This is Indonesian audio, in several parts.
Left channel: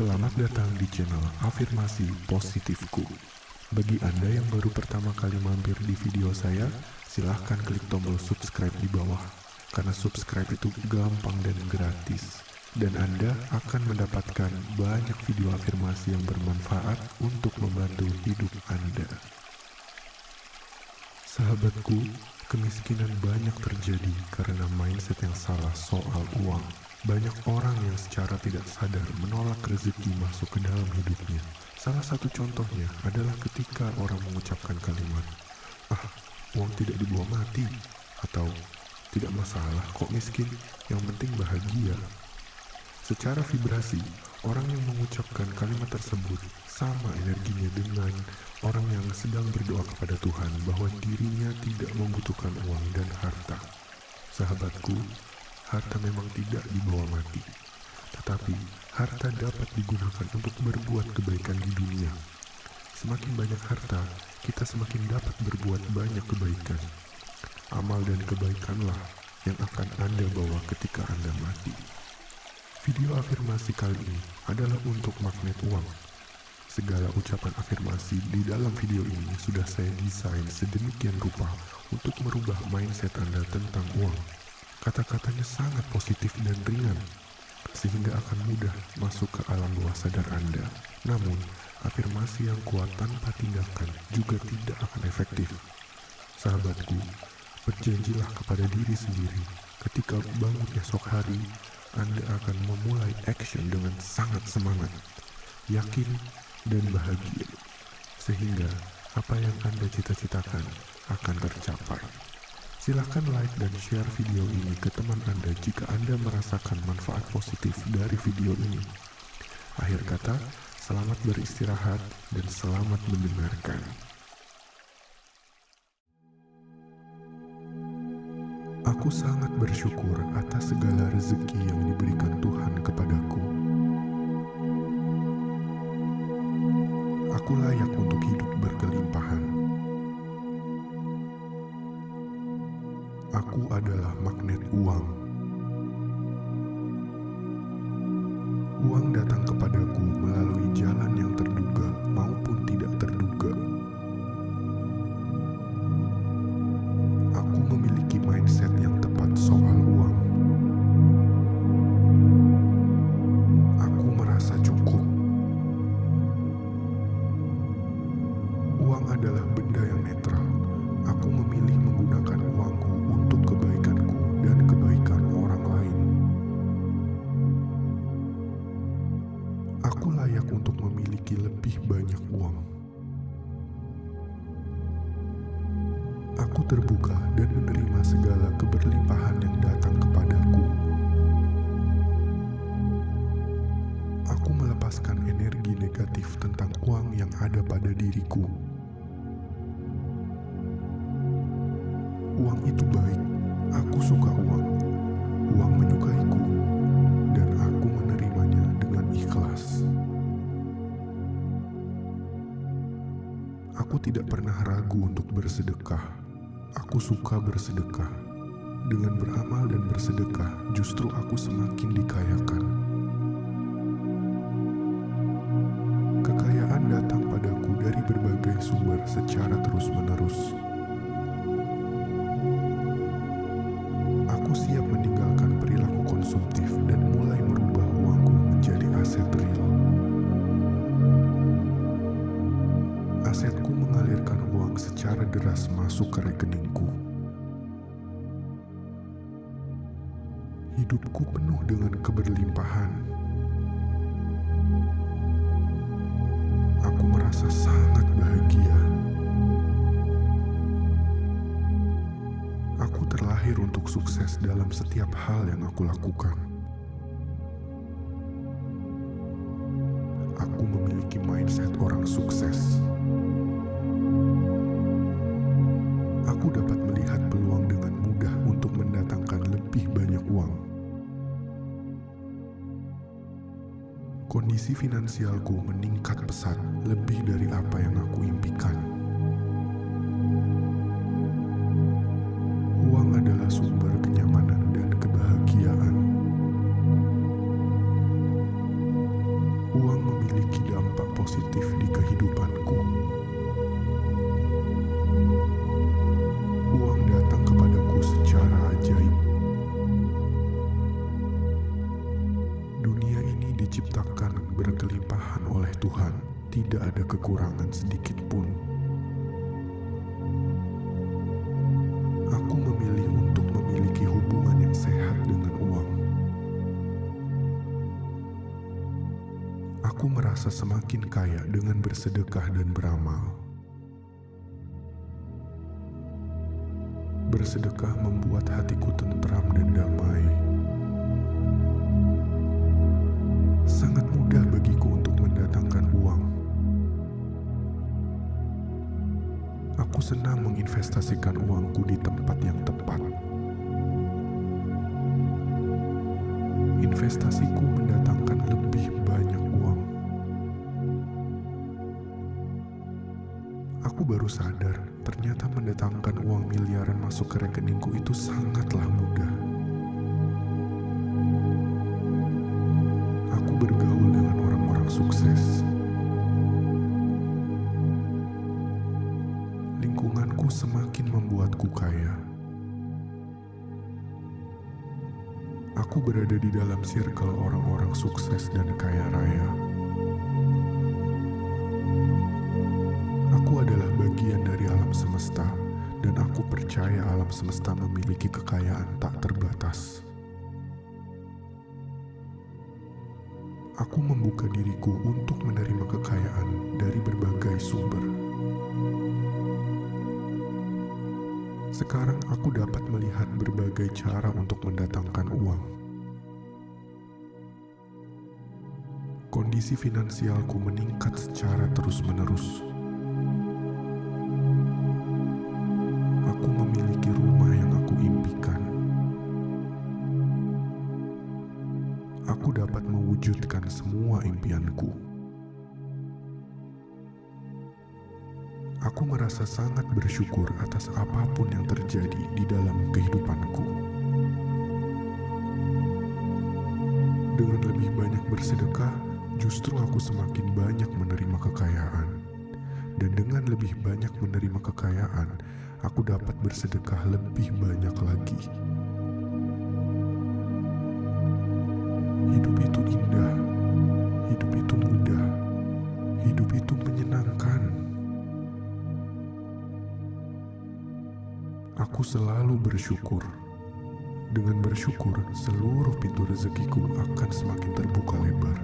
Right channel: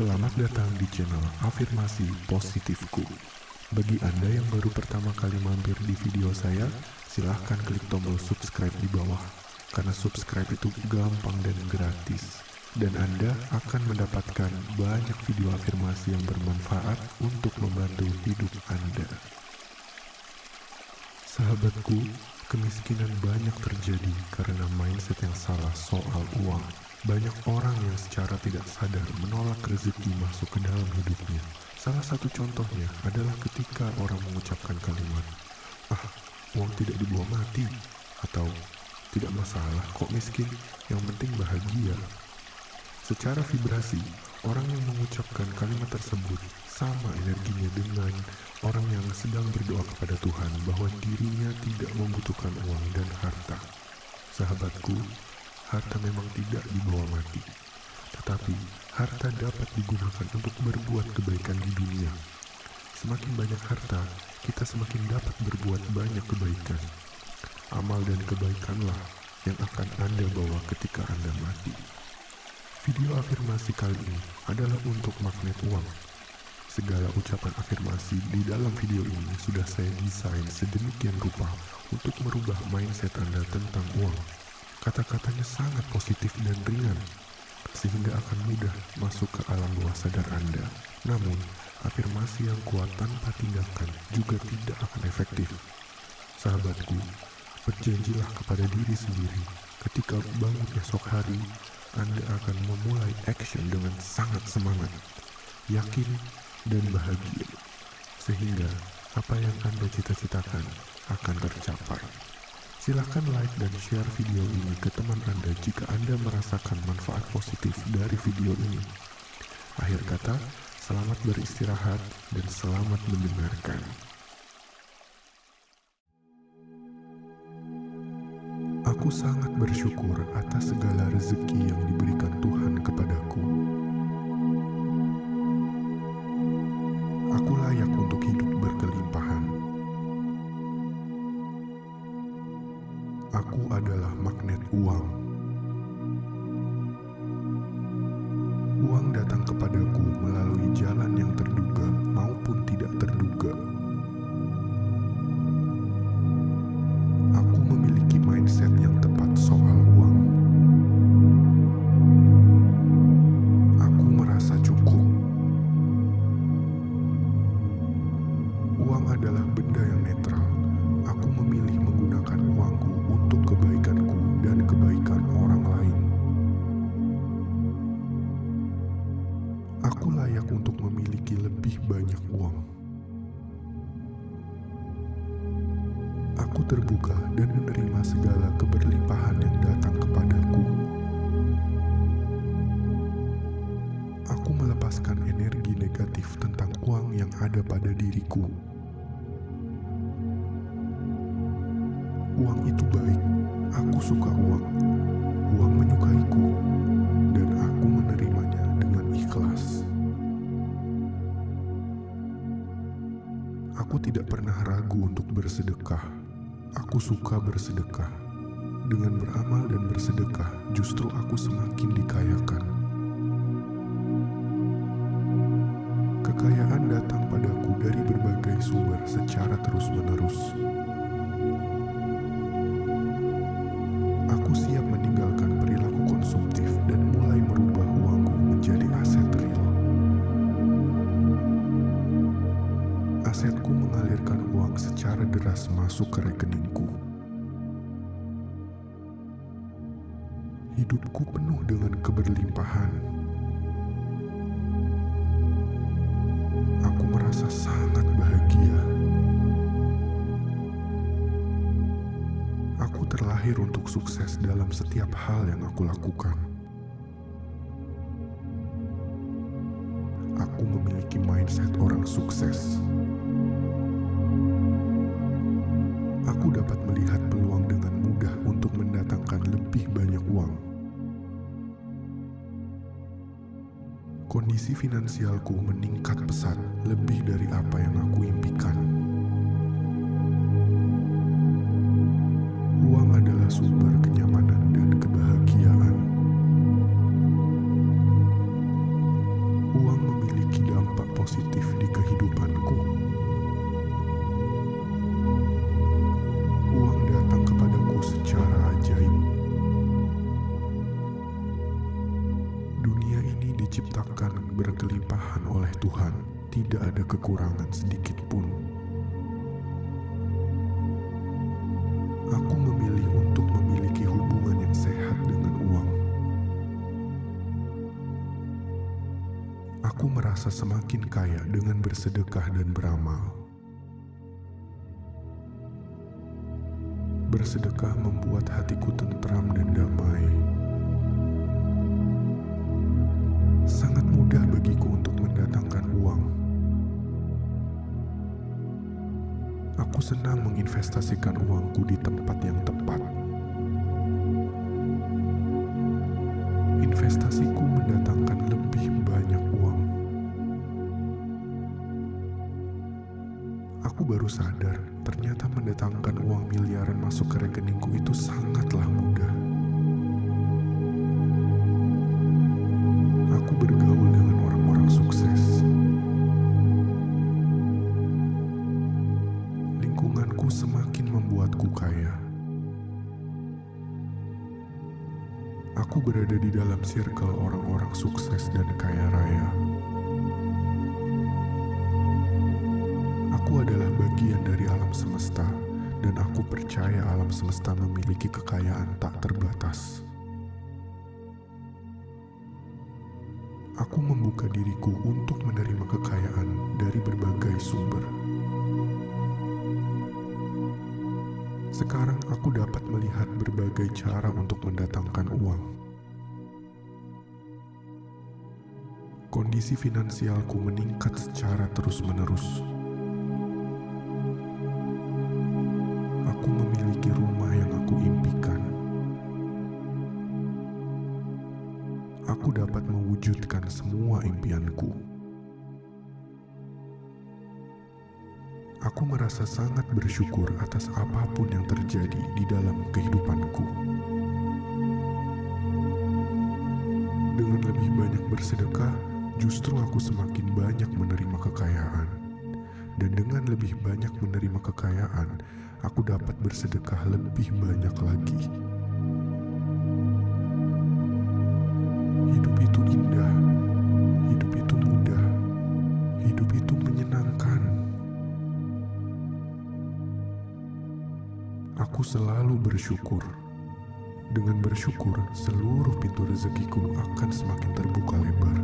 Selamat datang di channel Afirmasi Positifku. Bagi Anda yang baru pertama kali mampir di video saya, silahkan klik tombol subscribe di bawah. Karena subscribe itu gampang dan gratis. Dan Anda akan mendapatkan banyak video afirmasi yang bermanfaat untuk membantu hidup Anda. Sahabatku, kemiskinan banyak terjadi karena mindset yang salah soal uang. Banyak orang yang secara tidak sadar menolak rezeki masuk ke dalam hidupnya. Salah satu contohnya adalah ketika orang mengucapkan kalimat, uang tidak dibawa mati, atau tidak masalah kok miskin, yang penting bahagia. Secara vibrasi, orang yang mengucapkan kalimat tersebut sama energinya dengan orang yang sedang berdoa kepada Tuhan bahwa dirinya tidak membutuhkan uang dan harta. Sahabatku, harta memang tidak dibawa mati, tetapi harta dapat digunakan untuk berbuat kebaikan di dunia. Semakin banyak harta, kita semakin dapat berbuat banyak kebaikan. Amal dan kebaikanlah yang akan Anda bawa ketika Anda mati. Video afirmasi kali ini adalah untuk magnet uang. Segala ucapan afirmasi di dalam video ini sudah saya desain sedemikian rupa untuk merubah mindset Anda tentang uang. Kata-katanya sangat positif dan ringan, sehingga akan mudah masuk ke alam bawah sadar Anda. Namun, afirmasi yang kuat tanpa tindakan juga tidak akan efektif. Sahabatku, berjanjilah kepada diri sendiri, ketika bangun esok hari, Anda akan memulai action dengan sangat semangat, yakin, dan bahagia, sehingga apa yang Anda cita-citakan akan tercapai. Silahkan like dan share video ini ke teman Anda jika Anda merasakan manfaat positif dari video ini. Akhir kata, selamat beristirahat dan selamat mendengarkan. Aku sangat bersyukur atas segala rezeki yang diberikan Tuhan kepadaku. Aku layak untuk hidup berkelimpahan. Aku adalah magnet uang. Uang datang kepadaku melalui jalan yang terduga maupun tidak terduga. Aku memiliki mindset yang tepat soal uang. Aku merasa cukup. Uang adalah benda yang netral. Aku memilih menggunakan uangku untuk kebaikanku dan kebaikan orang lain. Aku layak untuk memiliki lebih banyak uang. Aku terbuka dan menerima segala keberlimpahan yang datang kepadaku. Aku melepaskan energi negatif tentang uang yang ada pada diriku. Uang itu baik, aku suka uang. Uang menyukaiku, dan aku menerimanya dengan ikhlas. Aku tidak pernah ragu untuk bersedekah. Aku suka bersedekah. Dengan beramal dan bersedekah, justru aku semakin dikayakan. Kekayaan datang padaku dari berbagai sumber secara terus-menerus. Aku siap meninggalkan perilaku konsumtif dan mulai merubah uangku menjadi aset real. Asetku mengalirkan uang secara deras masuk ke rekeningku. Hidupku penuh dengan keberlimpahan. Aku merasa sangat bahagia. Aku terlahir untuk sukses dalam setiap hal yang aku lakukan. Aku memiliki mindset orang sukses. Aku dapat melihat peluang dengan mudah untuk mendatangkan lebih banyak uang. Kondisi finansialku meningkat pesat lebih dari apa yang aku impikan. Uang adalah sumber kenyamanan dan kebahagiaan. Uang memiliki dampak positif di kehidupanku. Uang datang kepadaku secara ajaib. Dunia ini diciptakan berkelimpahan oleh Tuhan, tidak ada kekurangan sedikit pun. Aku memilih untuk memiliki hubungan yang sehat dengan uang. Aku merasa semakin kaya dengan bersedekah dan beramal. Bersedekah membuat hatiku tentram dan damai. Sangat mudah bagiku untuk mendatangkan uang. Aku senang menginvestasikan uangku di tempat yang tepat. Investasiku mendatangkan lebih banyak uang. Aku baru sadar, ternyata mendatangkan uang miliaran masuk ke rekeningku itu sangatlah mudah. Aku bergaul dengan orang-orang sukses. Lingkunganku semakin membuatku kaya. Aku berada di dalam circle orang-orang sukses dan kaya raya. Aku adalah bagian dari alam semesta, dan aku percaya alam semesta memiliki kekayaan tak terbatas. Aku membuka diriku untuk menerima kekayaan dari berbagai sumber. Sekarang aku dapat melihat berbagai cara untuk mendatangkan uang. Kondisi finansialku meningkat secara terus-menerus. Aku memiliki rumah yang aku impikan. Aku dapat mewujudkan semua impianku. Aku merasa sangat bersyukur atas apapun yang terjadi di dalam kehidupanku. Dengan lebih banyak bersedekah, justru aku semakin banyak menerima kekayaan. Dan dengan lebih banyak menerima kekayaan, aku dapat bersedekah lebih banyak lagi. Hidup itu indah, hidup itu mudah, hidup itu menyenangkan. Aku selalu bersyukur. Dengan bersyukur, seluruh pintu rezekiku akan semakin terbuka lebar.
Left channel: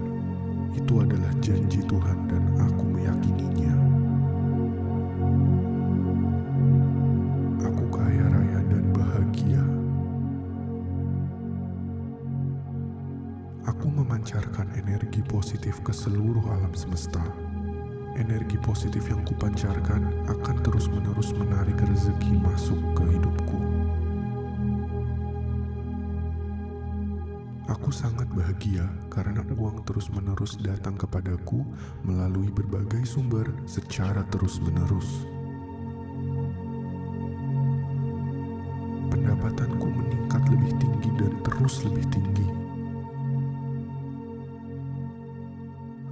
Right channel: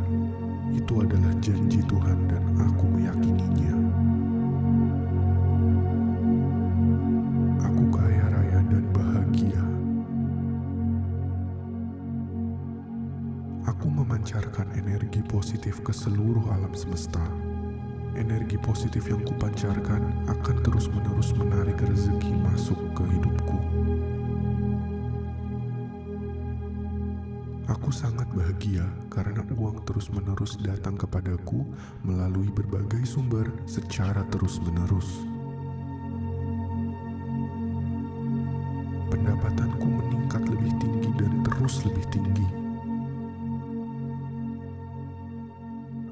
Itu adalah janji Tuhan dan aku meyakininya. Aku kaya raya dan bahagia. Aku memancarkan energi positif ke seluruh alam semesta. Energi positif yang kupancarkan akan terus-menerus menarik rezeki masuk ke hidupku. Aku sangat bahagia karena uang terus-menerus datang kepadaku melalui berbagai sumber secara terus-menerus. Pendapatanku meningkat lebih tinggi dan terus lebih tinggi.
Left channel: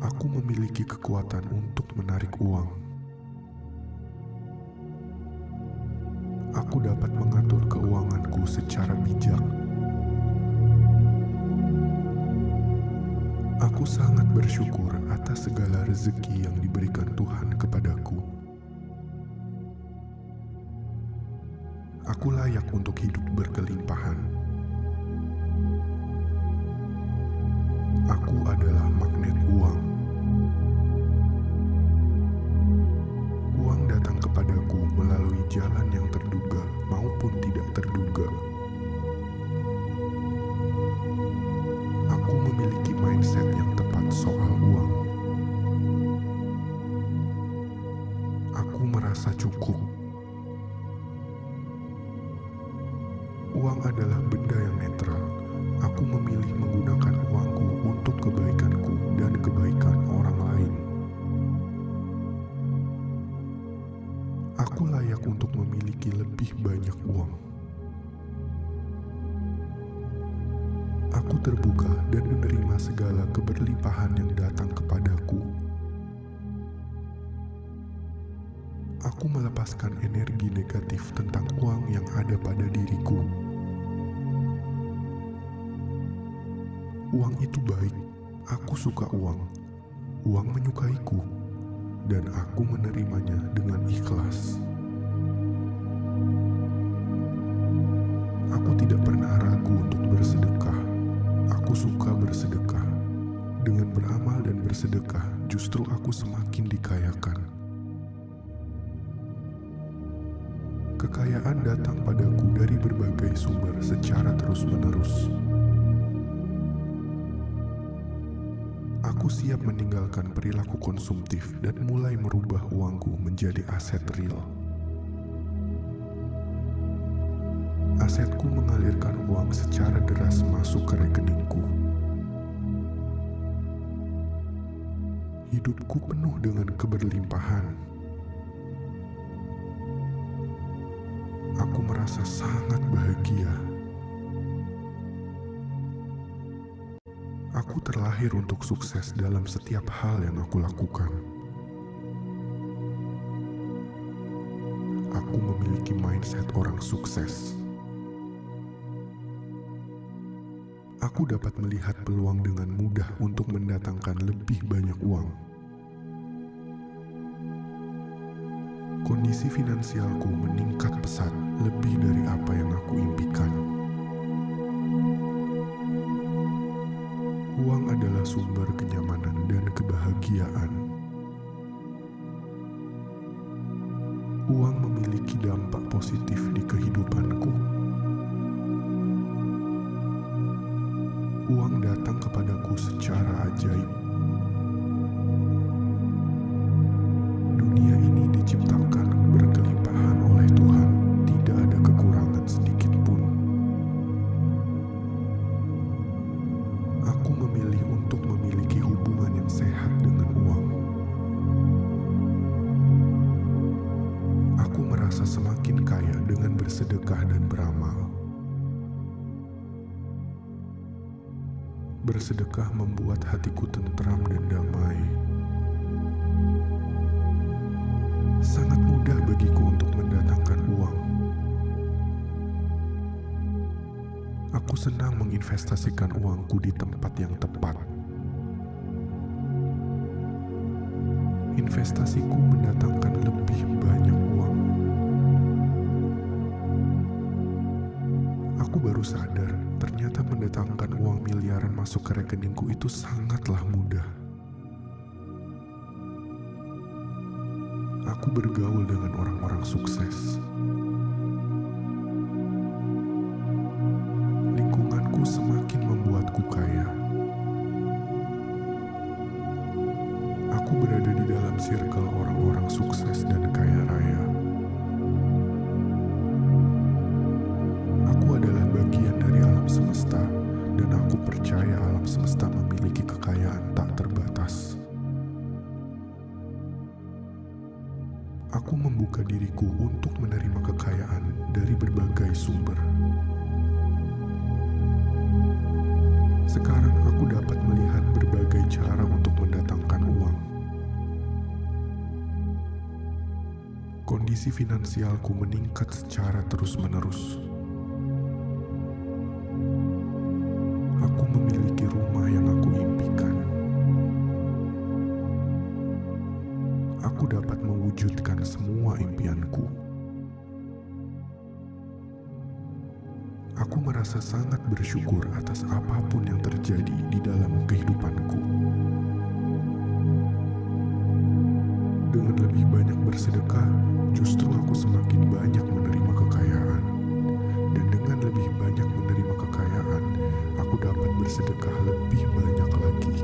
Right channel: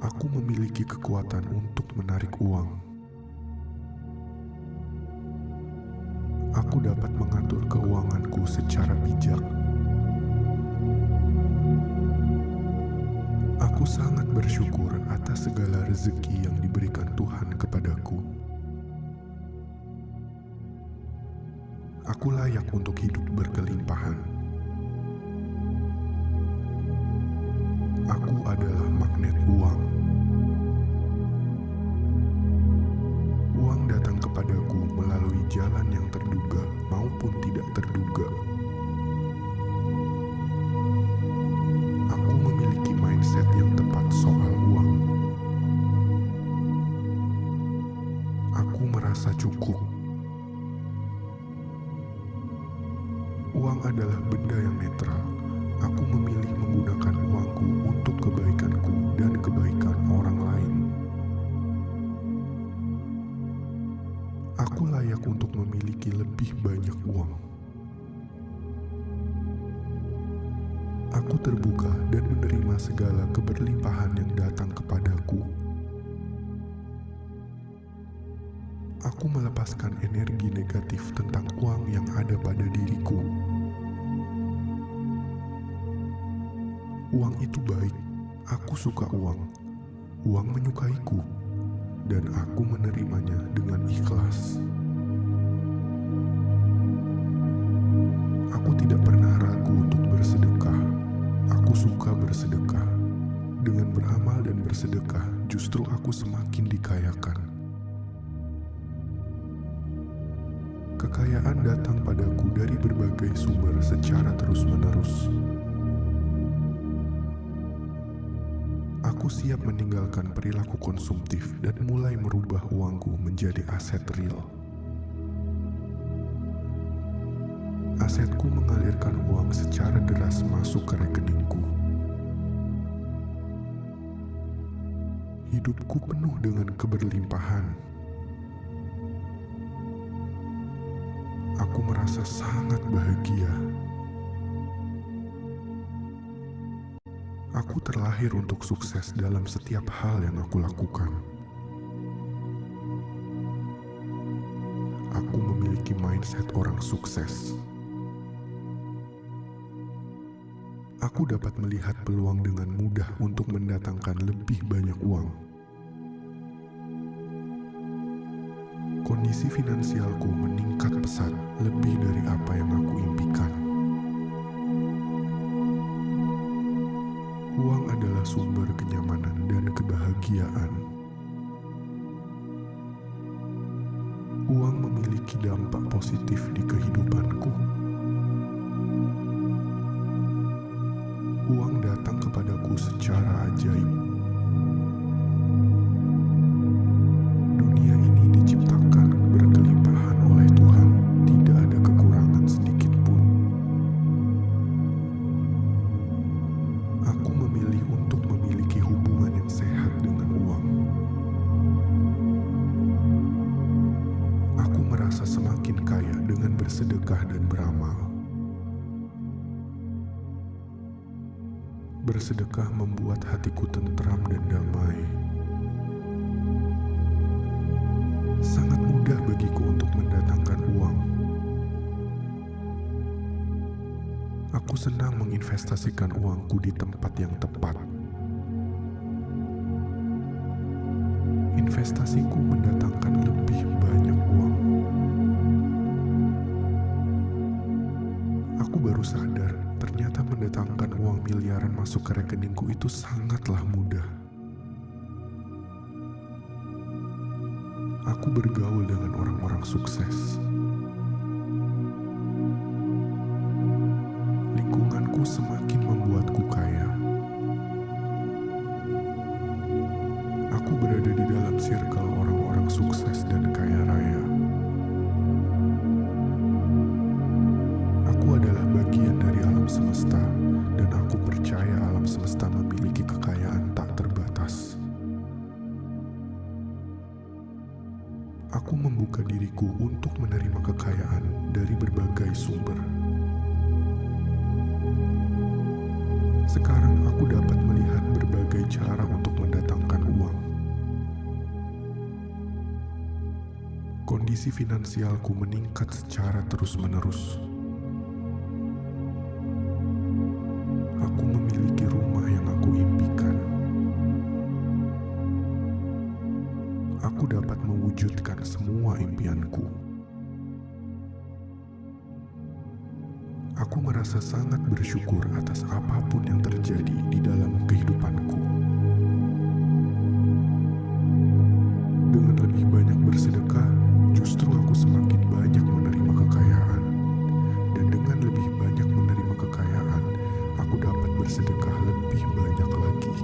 Aku memiliki kekuatan untuk menarik uang. Aku dapat mengatur keuanganku secara bijak. Aku sangat bersyukur atas segala rezeki yang diberikan Tuhan kepadaku. Aku layak untuk hidup berkelimpahan. Aku adalah magnet uang. Uang datang kepadaku melalui jalan yang terduga maupun tidak terduga. Aku memiliki mindset yang tepat soal uang. Aku merasa cukup. Uang adalah benda yang netral. Aku memilih menggunakan uangku untuk kebaikanku dan kebaikan orang lain. Aku layak untuk memiliki lebih banyak uang. Aku terbuka dan menerima segala keberlimpahan yang datang kepadaku. Aku melepaskan energi negatif tentang uang yang ada pada diriku. Uang itu baik, aku suka uang. Uang menyukaiku, dan aku menerimanya dengan ikhlas. Aku tidak pernah ragu untuk bersedekah. Aku suka bersedekah. Dengan beramal dan bersedekah, justru aku semakin dikayakan. Kekayaan datang padaku dari berbagai sumber secara terus-menerus. Aku siap meninggalkan perilaku konsumtif dan mulai merubah uangku menjadi aset real. Asetku mengalirkan uang secara deras masuk ke rekeningku. Hidupku penuh dengan keberlimpahan. Aku merasa sangat bahagia. Aku terlahir untuk sukses dalam setiap hal yang aku lakukan. Aku memiliki mindset orang sukses. Aku dapat melihat peluang dengan mudah untuk mendatangkan lebih banyak uang. Kondisi finansialku meningkat pesat lebih dari apa yang aku impikan. Uang adalah sumber kenyamanan dan kebahagiaan. Uang memiliki dampak positif di kehidupanku. Uang datang kepadaku secara ajaib. Dunia ini diciptakan berkelimpahan oleh Tuhan, tidak ada kekurangan sedikit pun. Aku memilih untuk memiliki hubungan yang sehat dengan uang. Aku merasa semakin kaya dengan bersedekah dan beramal. Bersedekah membuat hatiku tentram dan damai. Sangat mudah bagiku untuk mendatangkan uang. Aku senang menginvestasikan uangku di tempat yang tepat. Investasiku mendatangkan lebih banyak uang. Aku baru sadar, ternyata mendatangkan uang miliaran masuk ke rekeningku itu sangatlah mudah. Aku bergaul dengan orang-orang sukses. Lingkunganku semakin membuatku kaya. Aku berada di dalam circle orang-orang sukses dan kaya raya. Aku adalah bagian dari alam semesta, dan aku percaya alam semesta memiliki kekayaan tak terbatas. Aku membuka diriku untuk menerima kekayaan dari berbagai sumber. Sekarang aku dapat melihat berbagai cara untuk mendatangkan uang. Kondisi finansialku meningkat secara terus-menerus. Aku memiliki rumah yang aku impikan. Aku dapat mewujudkan semua impianku. Aku merasa sangat bersyukur atas apapun yang terjadi di dalam kehidupanku. Dengan lebih banyak bersedekah, justru aku semakin banyak menerima kekayaan. Dan dengan lebih banyak menerima kekayaan, aku dapat bersedekah lebih banyak lagi.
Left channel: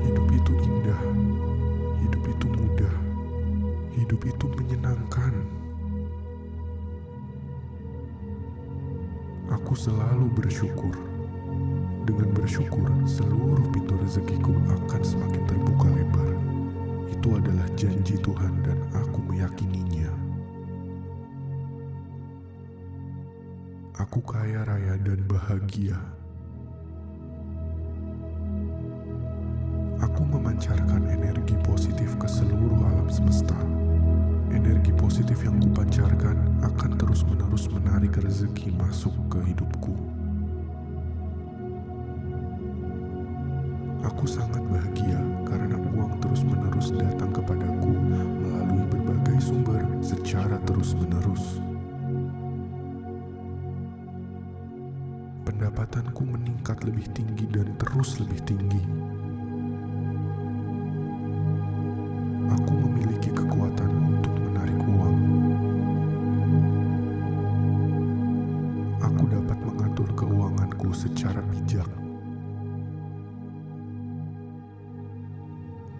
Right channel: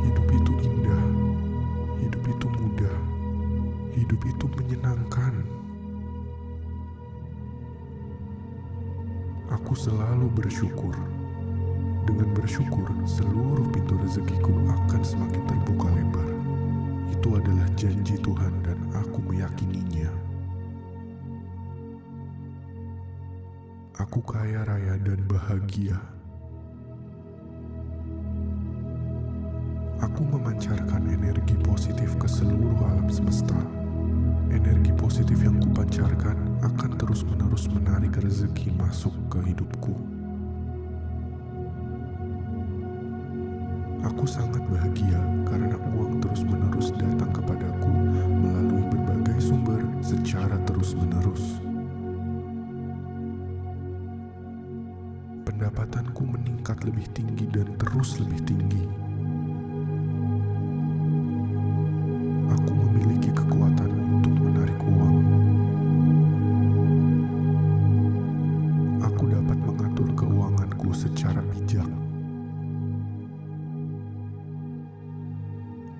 Hidup itu indah, hidup itu mudah, hidup itu menyenangkan. Aku selalu bersyukur. Dengan bersyukur, seluruh pintu rezekiku akan semakin terbuka lebar. Itu adalah janji Tuhan dan aku meyakininya. Aku kaya raya dan bahagia. Aku memancarkan energi positif ke seluruh alam semesta. Energi positif yang kupancarkan akan terus-menerus menarik rezeki masuk ke hidupku. Aku sangat bahagia karena uang terus-menerus datang kepadaku melalui berbagai sumber secara terus-menerus. Pendapatanku meningkat lebih tinggi dan terus lebih tinggi. Aku memiliki kekuatan untuk menarik uang. Aku dapat mengatur keuanganku secara bijak.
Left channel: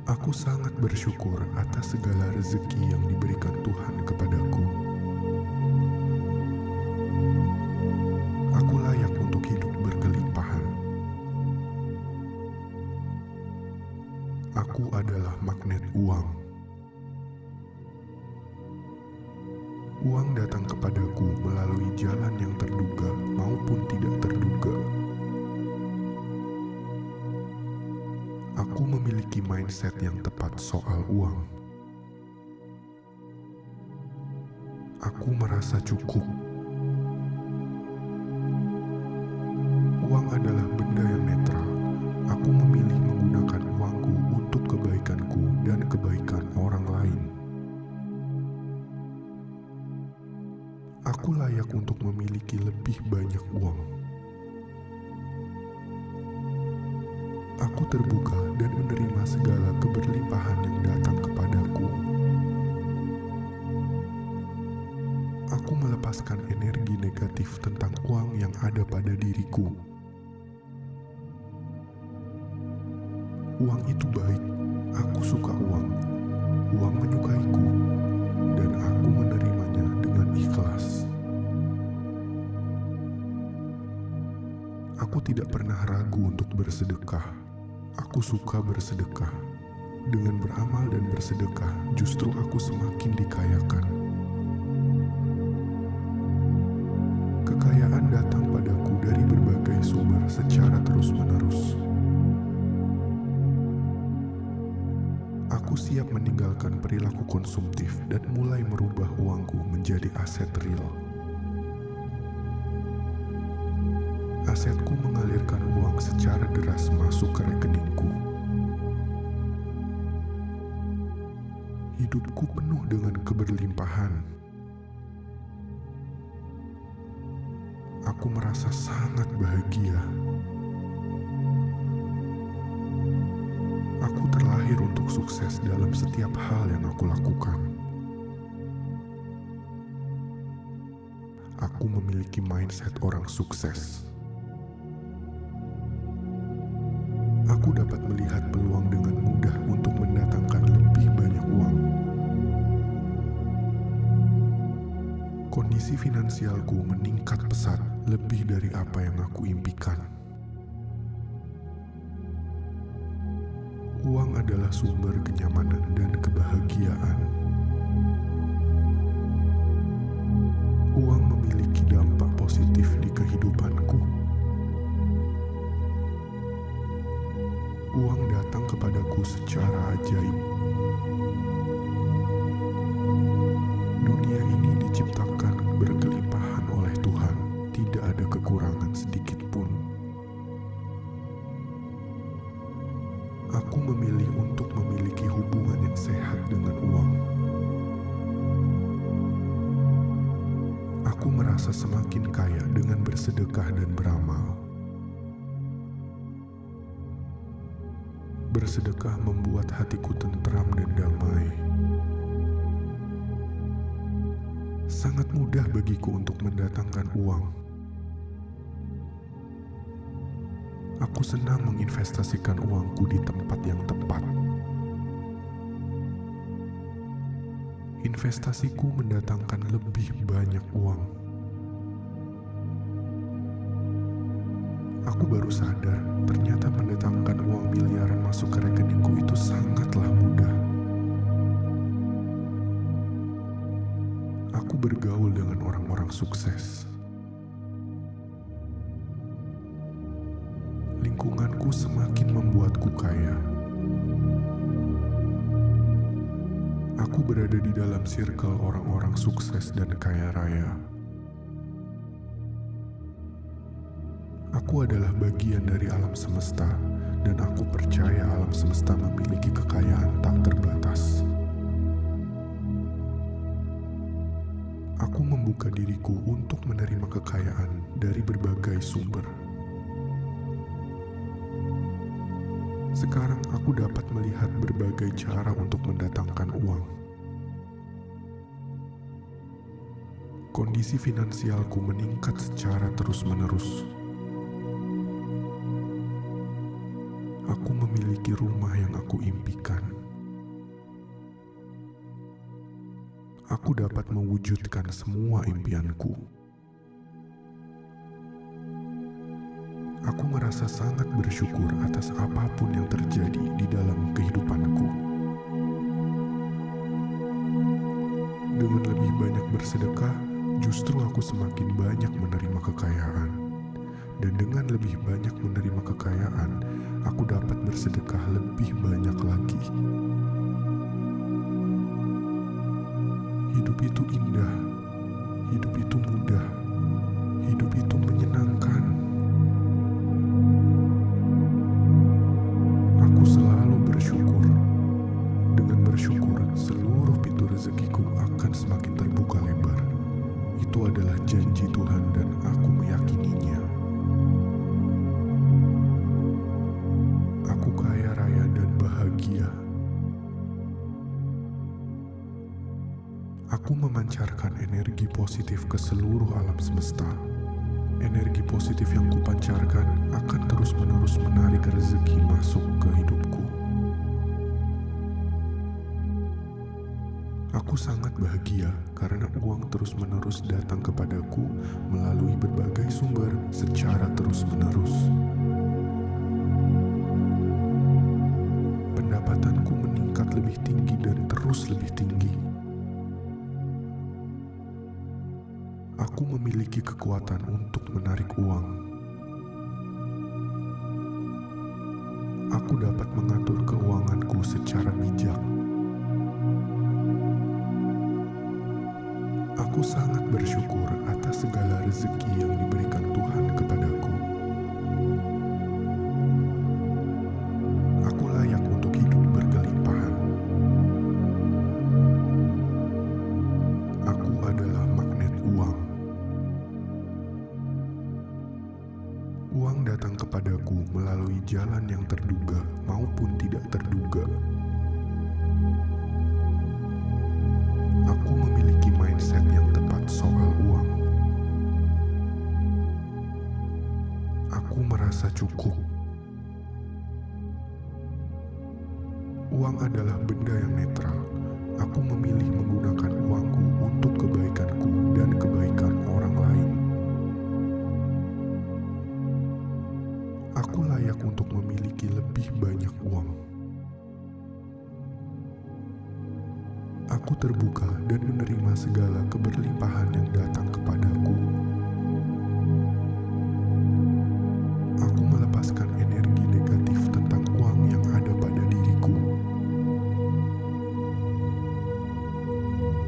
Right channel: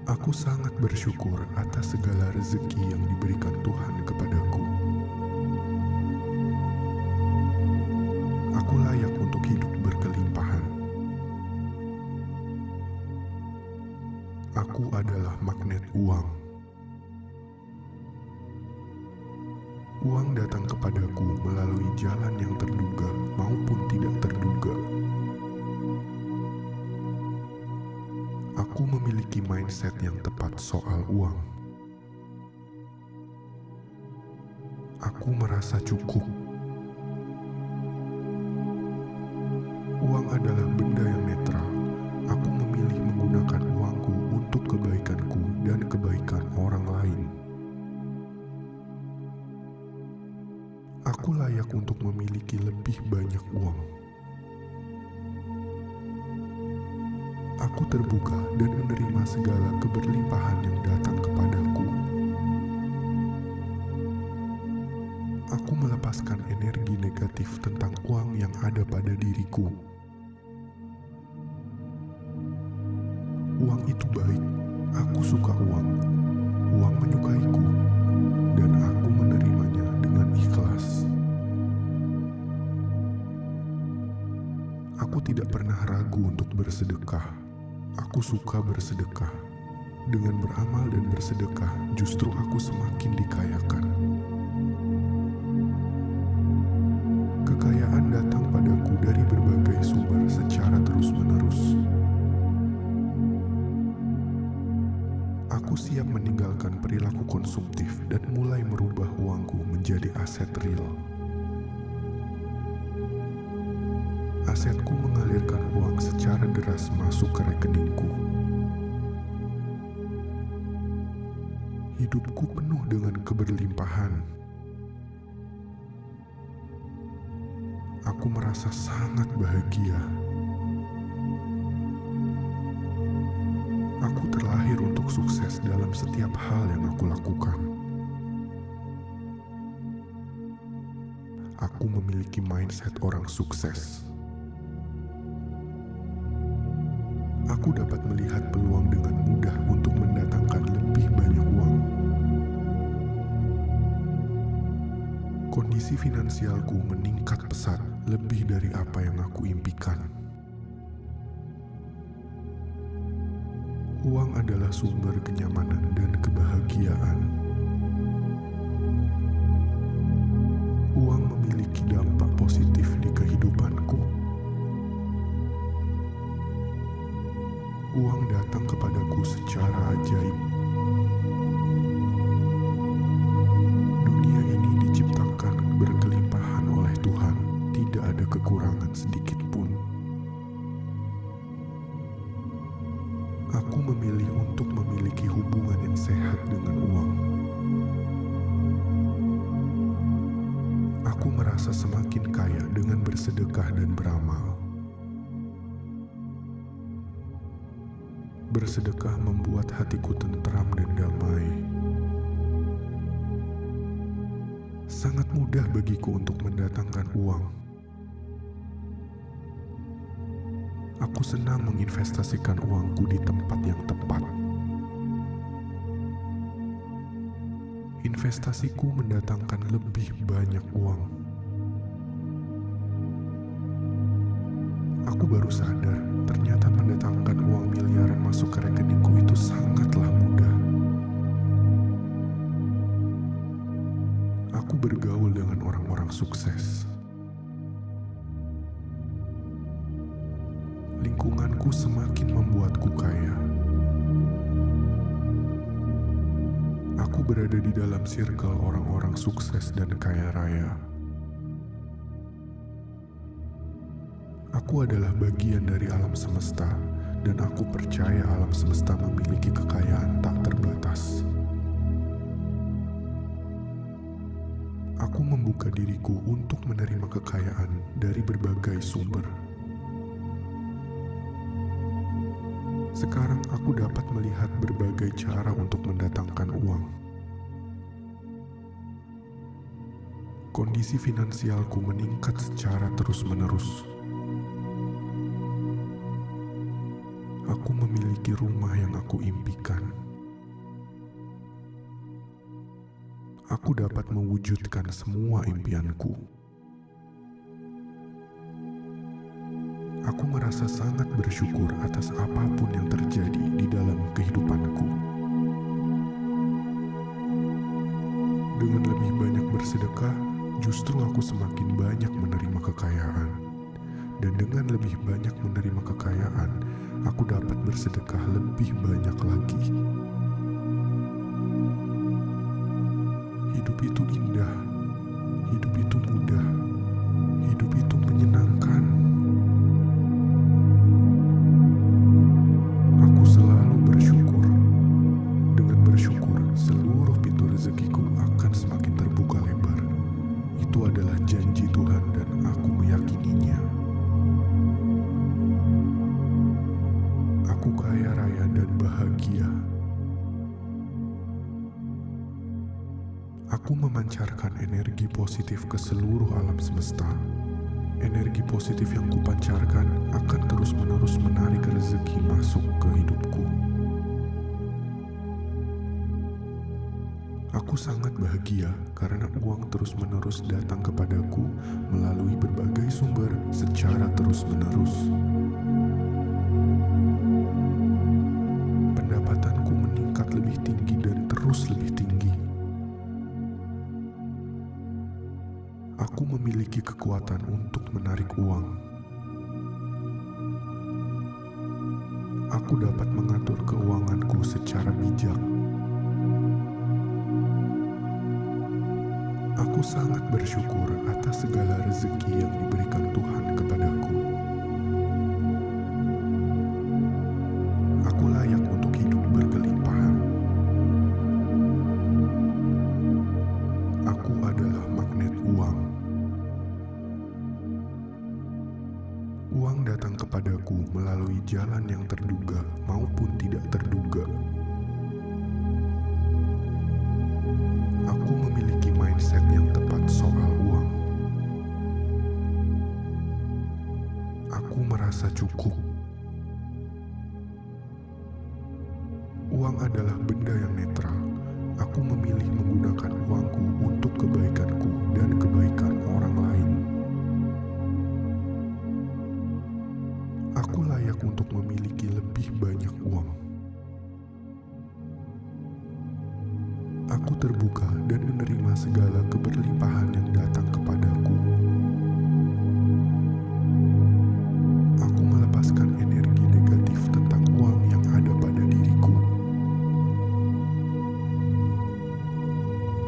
Aku sangat bersyukur atas segala rezeki yang diberikan Tuhan kepadaku. Aku layak untuk hidup berkelimpahan. Aku adalah magnet uang. Uang datang kepadaku melalui jalan yang terduga maupun tidak terduga. Aku memiliki mindset yang tepat soal uang. Aku merasa cukup. Uang adalah benda yang netral. Aku memilih menggunakan uangku untuk kebaikanku dan kebaikan orang lain. Aku layak untuk memiliki lebih banyak uang. Aku terbuka dan menerima segala keberlimpahan yang datang kepadaku. Aku melepaskan energi negatif tentang uang yang ada pada diriku. Uang itu baik, aku suka uang. Uang menyukaiku, dan aku menerimanya dengan ikhlas. Aku tidak pernah ragu untuk bersedekah. Aku suka bersedekah. Dengan beramal dan bersedekah, justru aku semakin dikayakan. Kekayaan datang padaku dari berbagai sumber secara terus-menerus. Aku siap meninggalkan perilaku konsumtif dan mulai merubah uangku menjadi aset real. Asetku mengalirkan uang secara deras masuk ke rekeningku. Hidupku penuh dengan keberlimpahan. Aku merasa sangat bahagia. Aku terlahir untuk sukses dalam setiap hal yang aku lakukan. Aku memiliki mindset orang sukses. Aku dapat melihat peluang dengan mudah untuk mendatangkan lebih banyak uang. Kondisi finansialku meningkat pesat lebih dari apa yang aku impikan. Uang adalah sumber kenyamanan dan kebahagiaan. Uang memiliki dampak positif di kehidupanku. Uang datang kepadaku secara ajaib. Dunia ini diciptakan berkelimpahan oleh Tuhan, tidak ada kekurangan sedikit pun. Aku memilih untuk memiliki hubungan yang sehat dengan uang. Aku merasa semakin kaya dengan bersedekah dan beramal. Bersedekah membuat hatiku tentram dan damai. Sangat mudah bagiku untuk mendatangkan uang. Aku senang menginvestasikan uangku di tempat yang tepat. Investasiku mendatangkan lebih banyak uang. Aku baru sadar, ternyata mendatangkan uang miliaran masuk ke rekeningku itu sangatlah mudah. Aku bergaul dengan orang-orang sukses. Lingkunganku semakin membuatku kaya. Aku berada di dalam circle orang-orang sukses dan kaya raya. Aku adalah bagian dari alam semesta, dan aku percaya alam semesta memiliki kekayaan tak terbatas. Aku membuka diriku untuk menerima kekayaan dari berbagai sumber. Sekarang aku dapat melihat berbagai cara untuk mendatangkan uang. Kondisi finansialku meningkat secara terus-menerus. Aku memiliki rumah yang aku impikan. Aku dapat mewujudkan semua impianku. Aku merasa sangat bersyukur atas apapun yang terjadi di dalam kehidupanku. Dengan lebih banyak bersedekah, justru aku semakin banyak menerima kekayaan. Dan dengan lebih banyak menerima kekayaan, aku dapat bersedekah lebih banyak lagi. Hidup itu indah, hidup itu mudah, hidup itu menyenangkan. Aku selalu bersyukur. Dengan bersyukur, seluruh pintu rezekiku akan semakin terbuka lebar. Itu adalah janji Tuhan dan aku meyakininya. Aku kaya raya dan bahagia. Aku memancarkan energi positif ke seluruh alam semesta. Energi positif yang kupancarkan akan terus-menerus menarik rezeki masuk ke hidupku. Aku sangat bahagia karena uang terus-menerus datang kepadaku melalui berbagai sumber secara terus-menerus. Pendapatanku meningkat lebih tinggi dan terus lebih tinggi. Aku memiliki kekuatan untuk menarik uang. Aku dapat mengatur keuanganku secara bijak. Aku sangat bersyukur atas segala rezeki yang diberikan Tuhan kepadaku. Aku layak untuk hidup berkelimpahan. Aku adalah magnet uang. Uang datang kepadaku melalui jalan yang terduga maupun tidak terduga. Aku memiliki mindset yang tepat soal uang. Aku merasa cukup. Uang adalah benda yang netral. Aku memilih menggunakan uangku untuk kebaikanku dan kebaikan orang lain. Aku layak untuk memiliki lebih banyak uang. Aku terbuka dan menerima segala keberlimpahan yang datang kepadaku. Aku melepaskan energi negatif tentang uang yang ada pada diriku.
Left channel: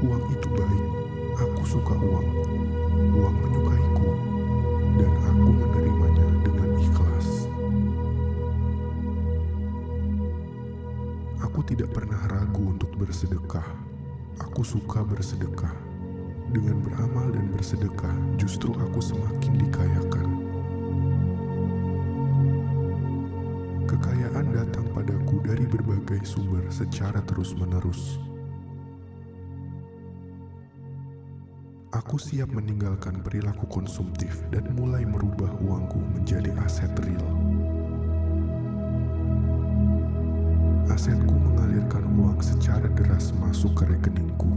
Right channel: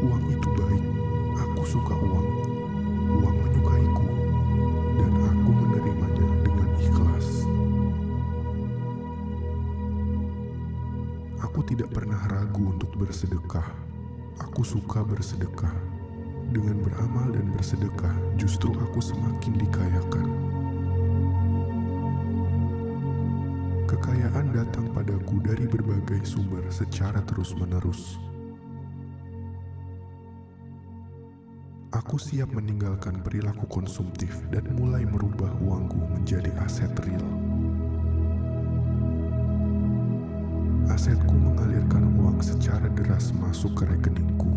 Uang itu baik. Aku suka uang. Uang menyukaiku. Dan aku menerimanya dengan ikhlas. Aku tidak pernah ragu untuk bersedekah. Aku suka bersedekah. Dengan beramal dan bersedekah, justru aku semakin dikayakan. Kekayaan datang padaku dari berbagai sumber secara terus-menerus. Aku siap meninggalkan perilaku konsumtif dan mulai merubah uangku menjadi aset real. Asetku mengalirkan uang secara deras masuk ke rekeningku.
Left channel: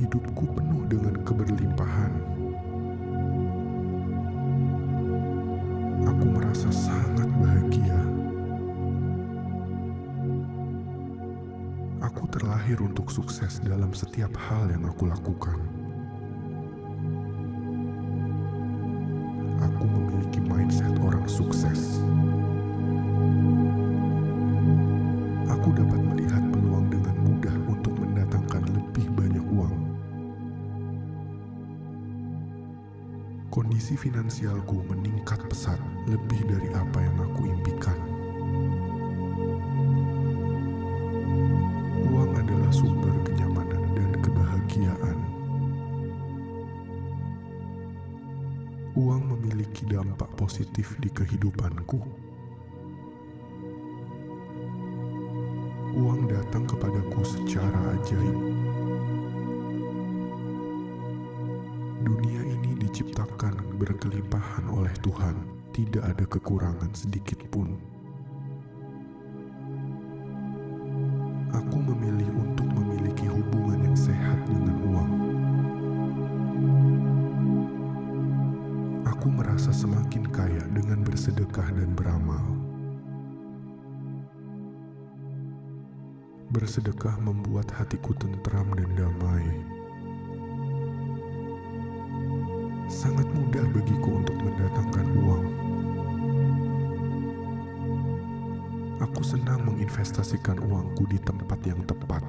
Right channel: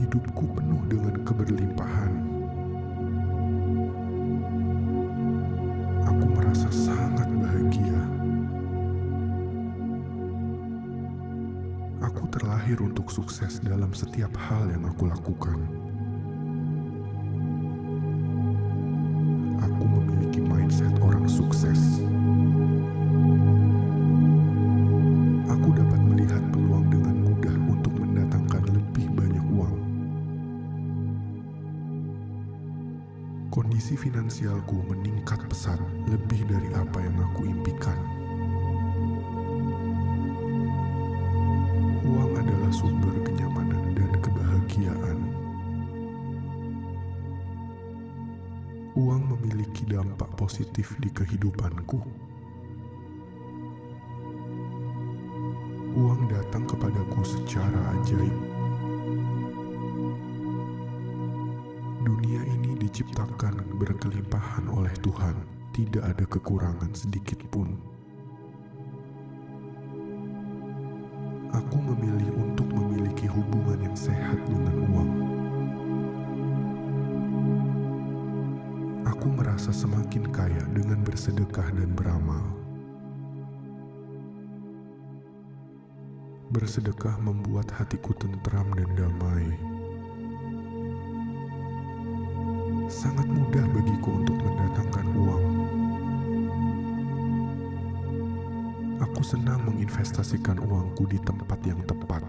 Hidupku penuh dengan keberlimpahan. Aku merasa sangat bahagia. Aku terlahir untuk sukses dalam setiap hal yang aku lakukan. aku memiliki mindset orang sukses. Aku dapat melihat peluang dengan mudah untuk mendatangkan lebih banyak uang. Kondisi finansialku meningkat pesat lebih dari apa yang aku impikan. Uang adalah sumber kenyamanan dan kebahagiaan. Uang memiliki dampak positif di kehidupanku. Uang datang kepadaku secara ajaib. Dunia ini diciptakan berkelimpahan oleh Tuhan, tidak ada kekurangan sedikit pun. Aku memilih untuk memiliki hubungan yang sehat dengan uang. Aku merasa semakin kaya dengan bersedekah dan beramal. Bersedekah membuat hatiku tentram dan damai. Sangat mudah bagiku untuk mendatangkan uang. Aku senang menginvestasikan uangku di tempat yang tepat.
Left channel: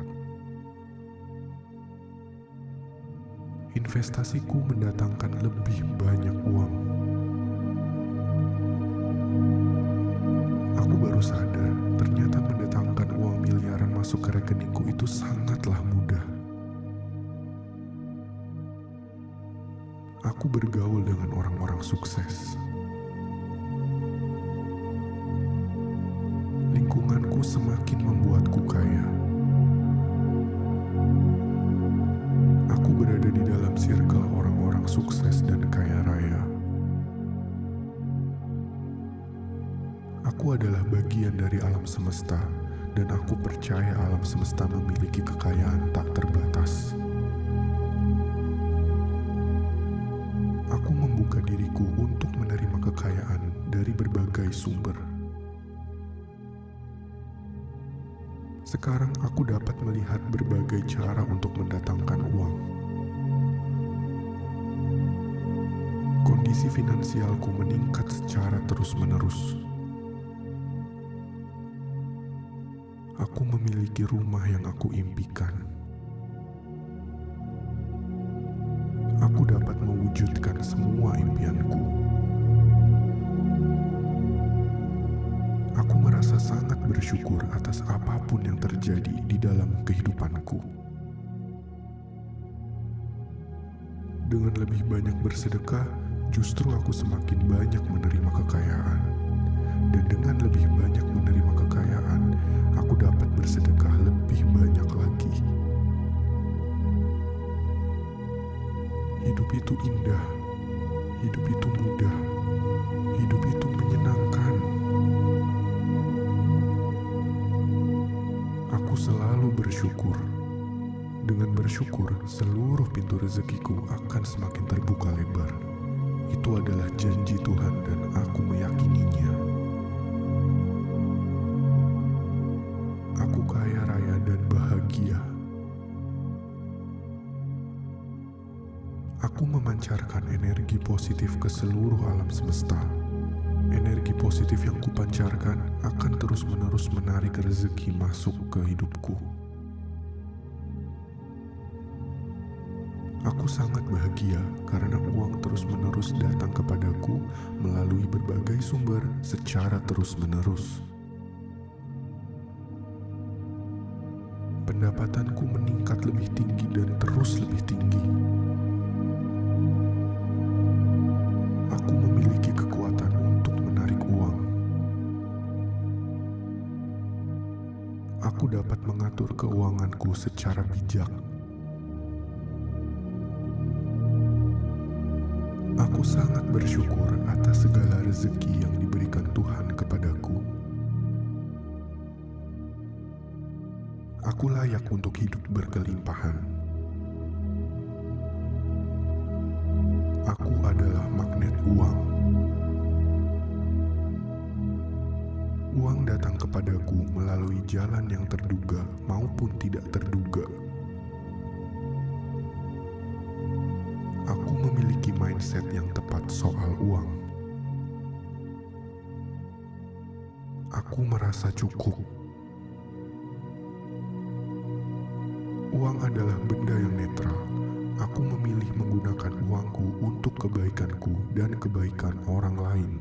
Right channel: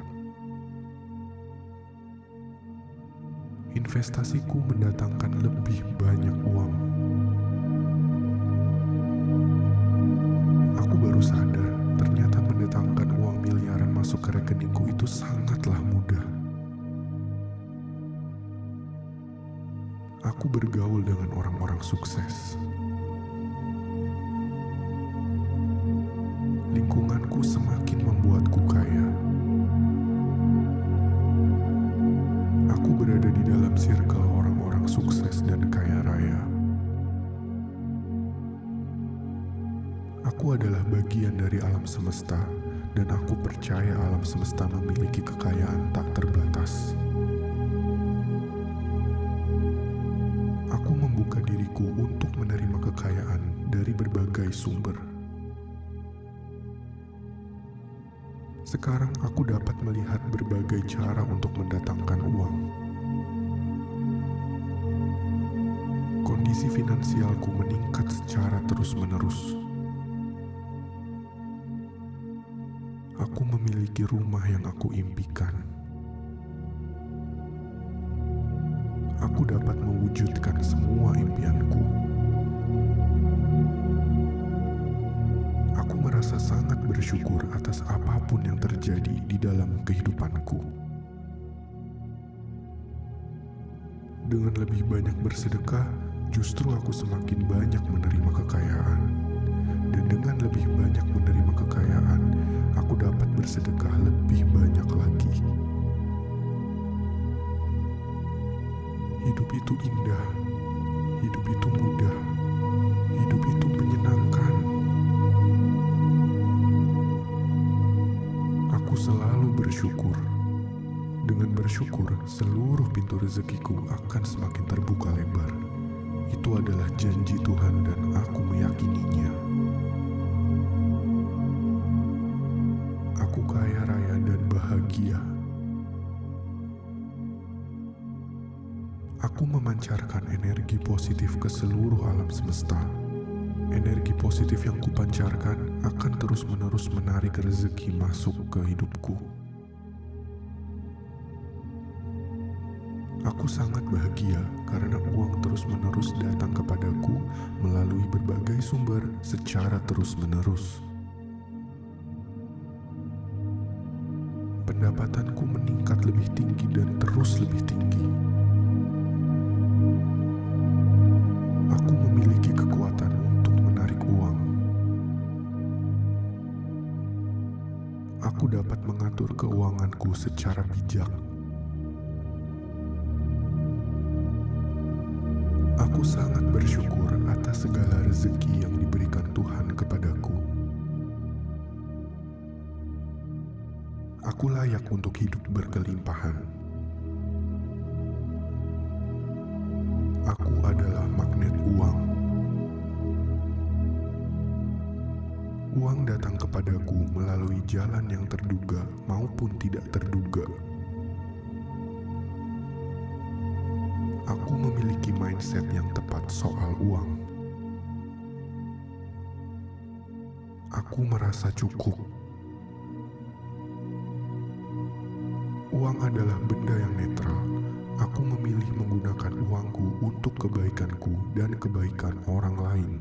Investasiku mendatangkan lebih banyak uang. Aku baru sadar, ternyata mendatangkan uang miliaran masuk ke rekeningku itu sangatlah mudah. Aku bergaul dengan orang-orang sukses. Lingkunganku semakin membuatku kaya. Aku berada di dalam circle orang-orang sukses dan kaya raya. Aku adalah bagian dari alam semesta, dan aku percaya alam semesta memiliki kekayaan tak terbatas. Aku membuka diriku untuk menerima kekayaan dari berbagai sumber. Sekarang aku dapat melihat berbagai cara untuk mendatangkan uang. Kondisi finansialku meningkat secara terus-menerus. Aku memiliki rumah yang aku impikan. Aku dapat mewujudkan semua impianku. Aku merasa sangat bersyukur atas apapun yang terjadi di dalam kehidupanku. Dengan lebih banyak bersedekah, justru aku semakin banyak menerima kekayaan. Dan dengan lebih banyak menerima kekayaan, aku dapat bersedekah lebih banyak lagi. Hidup itu indah, hidup itu mudah, hidup itu menyenangkan. Aku selalu bersyukur. Dengan bersyukur, seluruh pintu rezekiku akan semakin terbuka lebar. Itu adalah janji Tuhan dan aku meyakininya. Aku kaya raya dan bahagia. Aku memancarkan energi positif ke seluruh alam semesta. Energi positif yang kupancarkan akan terus-menerus menarik rezeki masuk ke hidupku. Aku sangat bahagia karena uang terus-menerus datang kepadaku melalui berbagai sumber secara terus-menerus. Pendapatanku meningkat lebih tinggi dan terus lebih tinggi. Aku memiliki kekuatan untuk menarik uang. Aku dapat mengatur keuanganku secara bijak. Aku sangat bersyukur atas segala rezeki yang diberikan Tuhan kepadaku. Aku layak untuk hidup berkelimpahan. Aku adalah magnet uang. Uang datang kepadaku melalui jalan yang terduga maupun tidak terduga. Aku memiliki mindset yang tepat soal uang. Aku merasa cukup. Uang adalah benda yang netral. Aku memilih menggunakan uangku untuk kebaikanku dan kebaikan orang lain.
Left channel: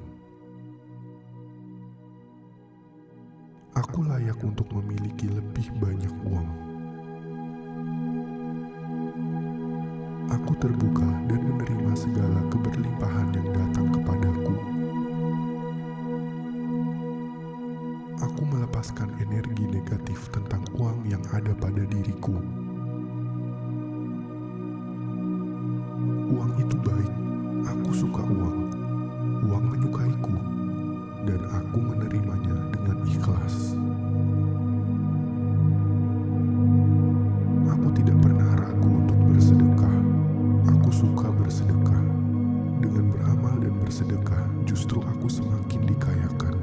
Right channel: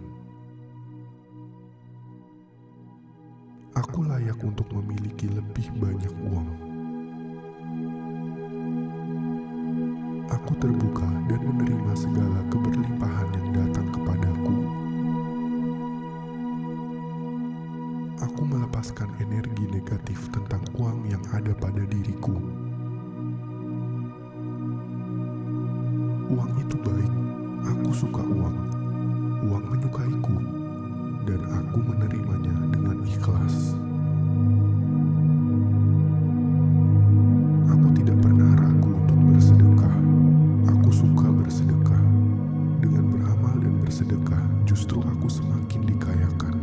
Aku layak untuk memiliki lebih banyak uang. Aku terbuka dan menerima segala keberlimpahan yang datang kepadaku. Aku melepaskan energi negatif tentang uang yang ada pada diriku. Uang itu baik, aku suka uang. Uang menyukaiku, dan aku menerimanya dengan ikhlas. Aku tidak pernah ragu untuk bersedekah. Aku suka bersedekah. Dengan beramal dan bersedekah, justru aku semakin dikayakan.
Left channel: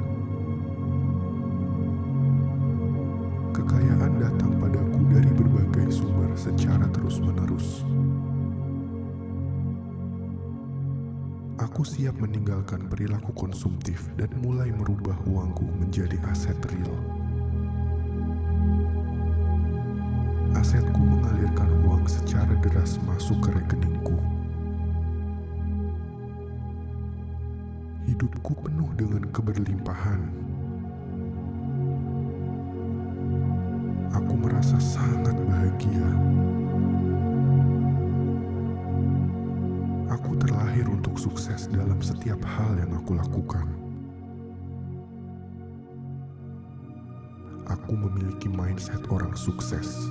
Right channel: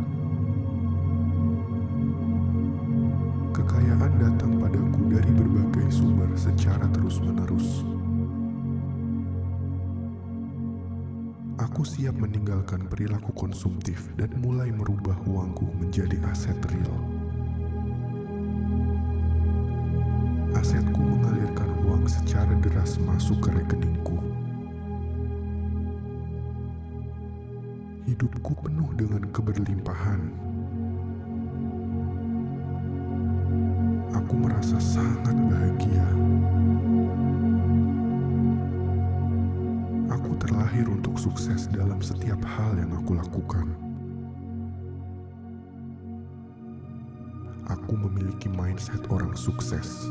Kekayaan datang padaku dari berbagai sumber secara terus-menerus. Aku siap meninggalkan perilaku konsumtif dan mulai merubah uangku menjadi aset real. Asetku mengalirkan uang secara deras masuk ke rekeningku. Hidupku penuh dengan keberlimpahan. Aku merasa sangat bahagia. Aku terlahir untuk sukses dalam setiap hal yang aku lakukan. Aku memiliki mindset orang sukses.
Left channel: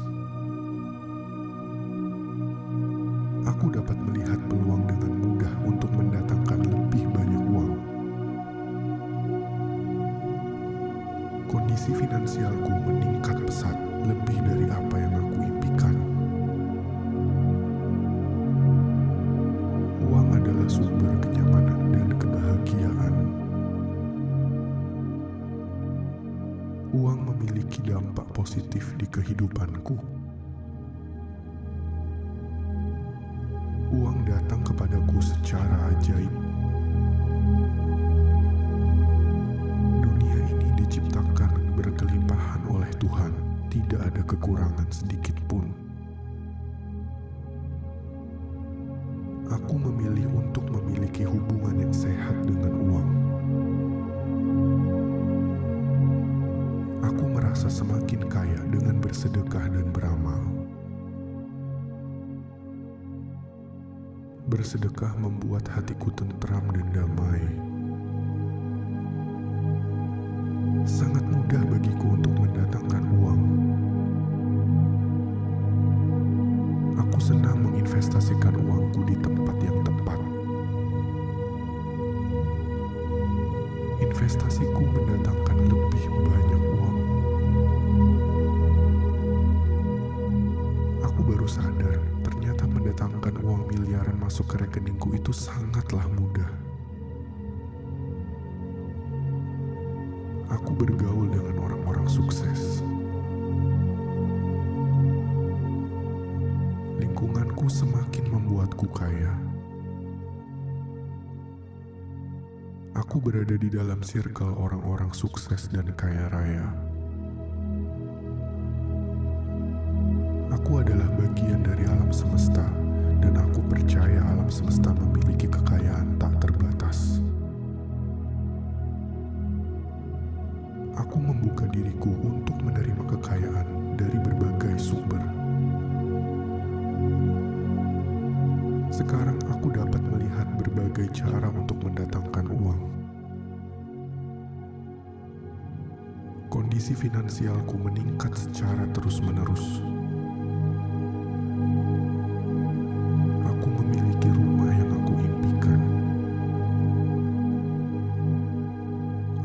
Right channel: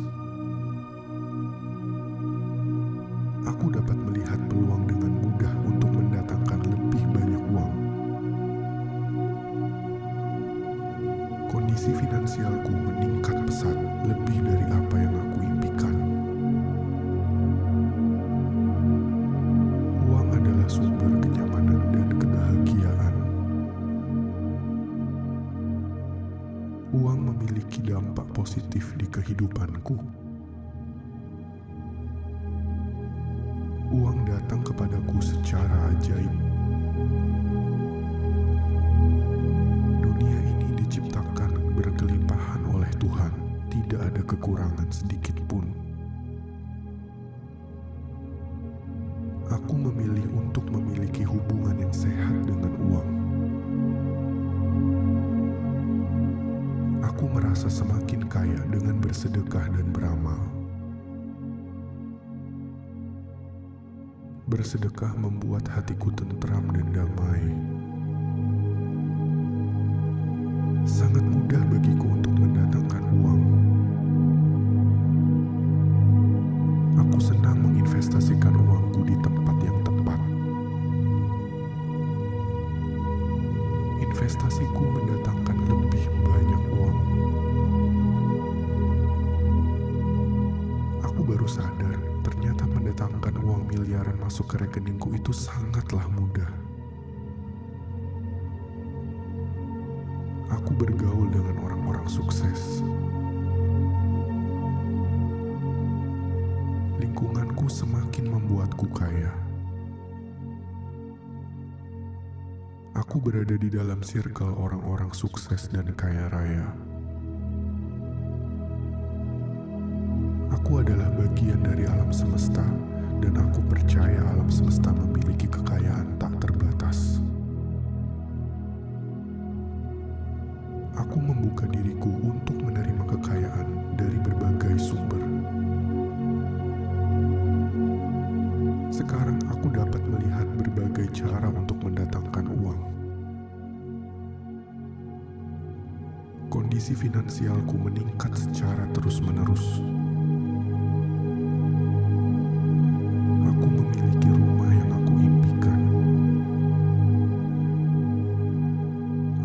Aku dapat melihat peluang dengan mudah untuk mendatangkan lebih banyak uang. Kondisi finansialku meningkat pesat, lebih dari apa yang aku impikan. Uang adalah sumber kenyamanan dan kebahagiaan. Uang memiliki dampak positif di kehidupanku. Uang datang kepadaku secara ajaib. Dunia ini diciptakan berkelimpahan oleh Tuhan, tidak ada kekurangan sedikit pun. Aku memilih untuk memiliki hubungan yang sehat dengan uang. Aku merasa semakin kaya dengan bersedekah dan beramal. Bersedekah membuat hatiku tentram dan damai. Sangat mudah bagiku untuk mendatangkan uang. Aku senang menginvestasikan uangku di tempat yang tepat. Investasiku mendatangkan lebih banyak uang. Aku baru sadar, ternyata mendatangkan uang miliaran masuk ke rekeningku itu sangatlah mudah. Aku bergaul dengan orang-orang sukses. Lingkunganku semakin membuatku kaya. Aku berada di dalam circle orang-orang sukses dan kaya raya. Aku adalah bagian dari alam semesta, dan aku percaya alam semesta memiliki kekayaan tak terbatas. Aku membuka diriku untuk menerima kekayaan dari berbagai sumber. Sekarang aku dapat melihat berbagai cara untuk mendatangkan uang. Kondisi finansialku meningkat secara terus-menerus. Aku memiliki rumah yang aku impikan.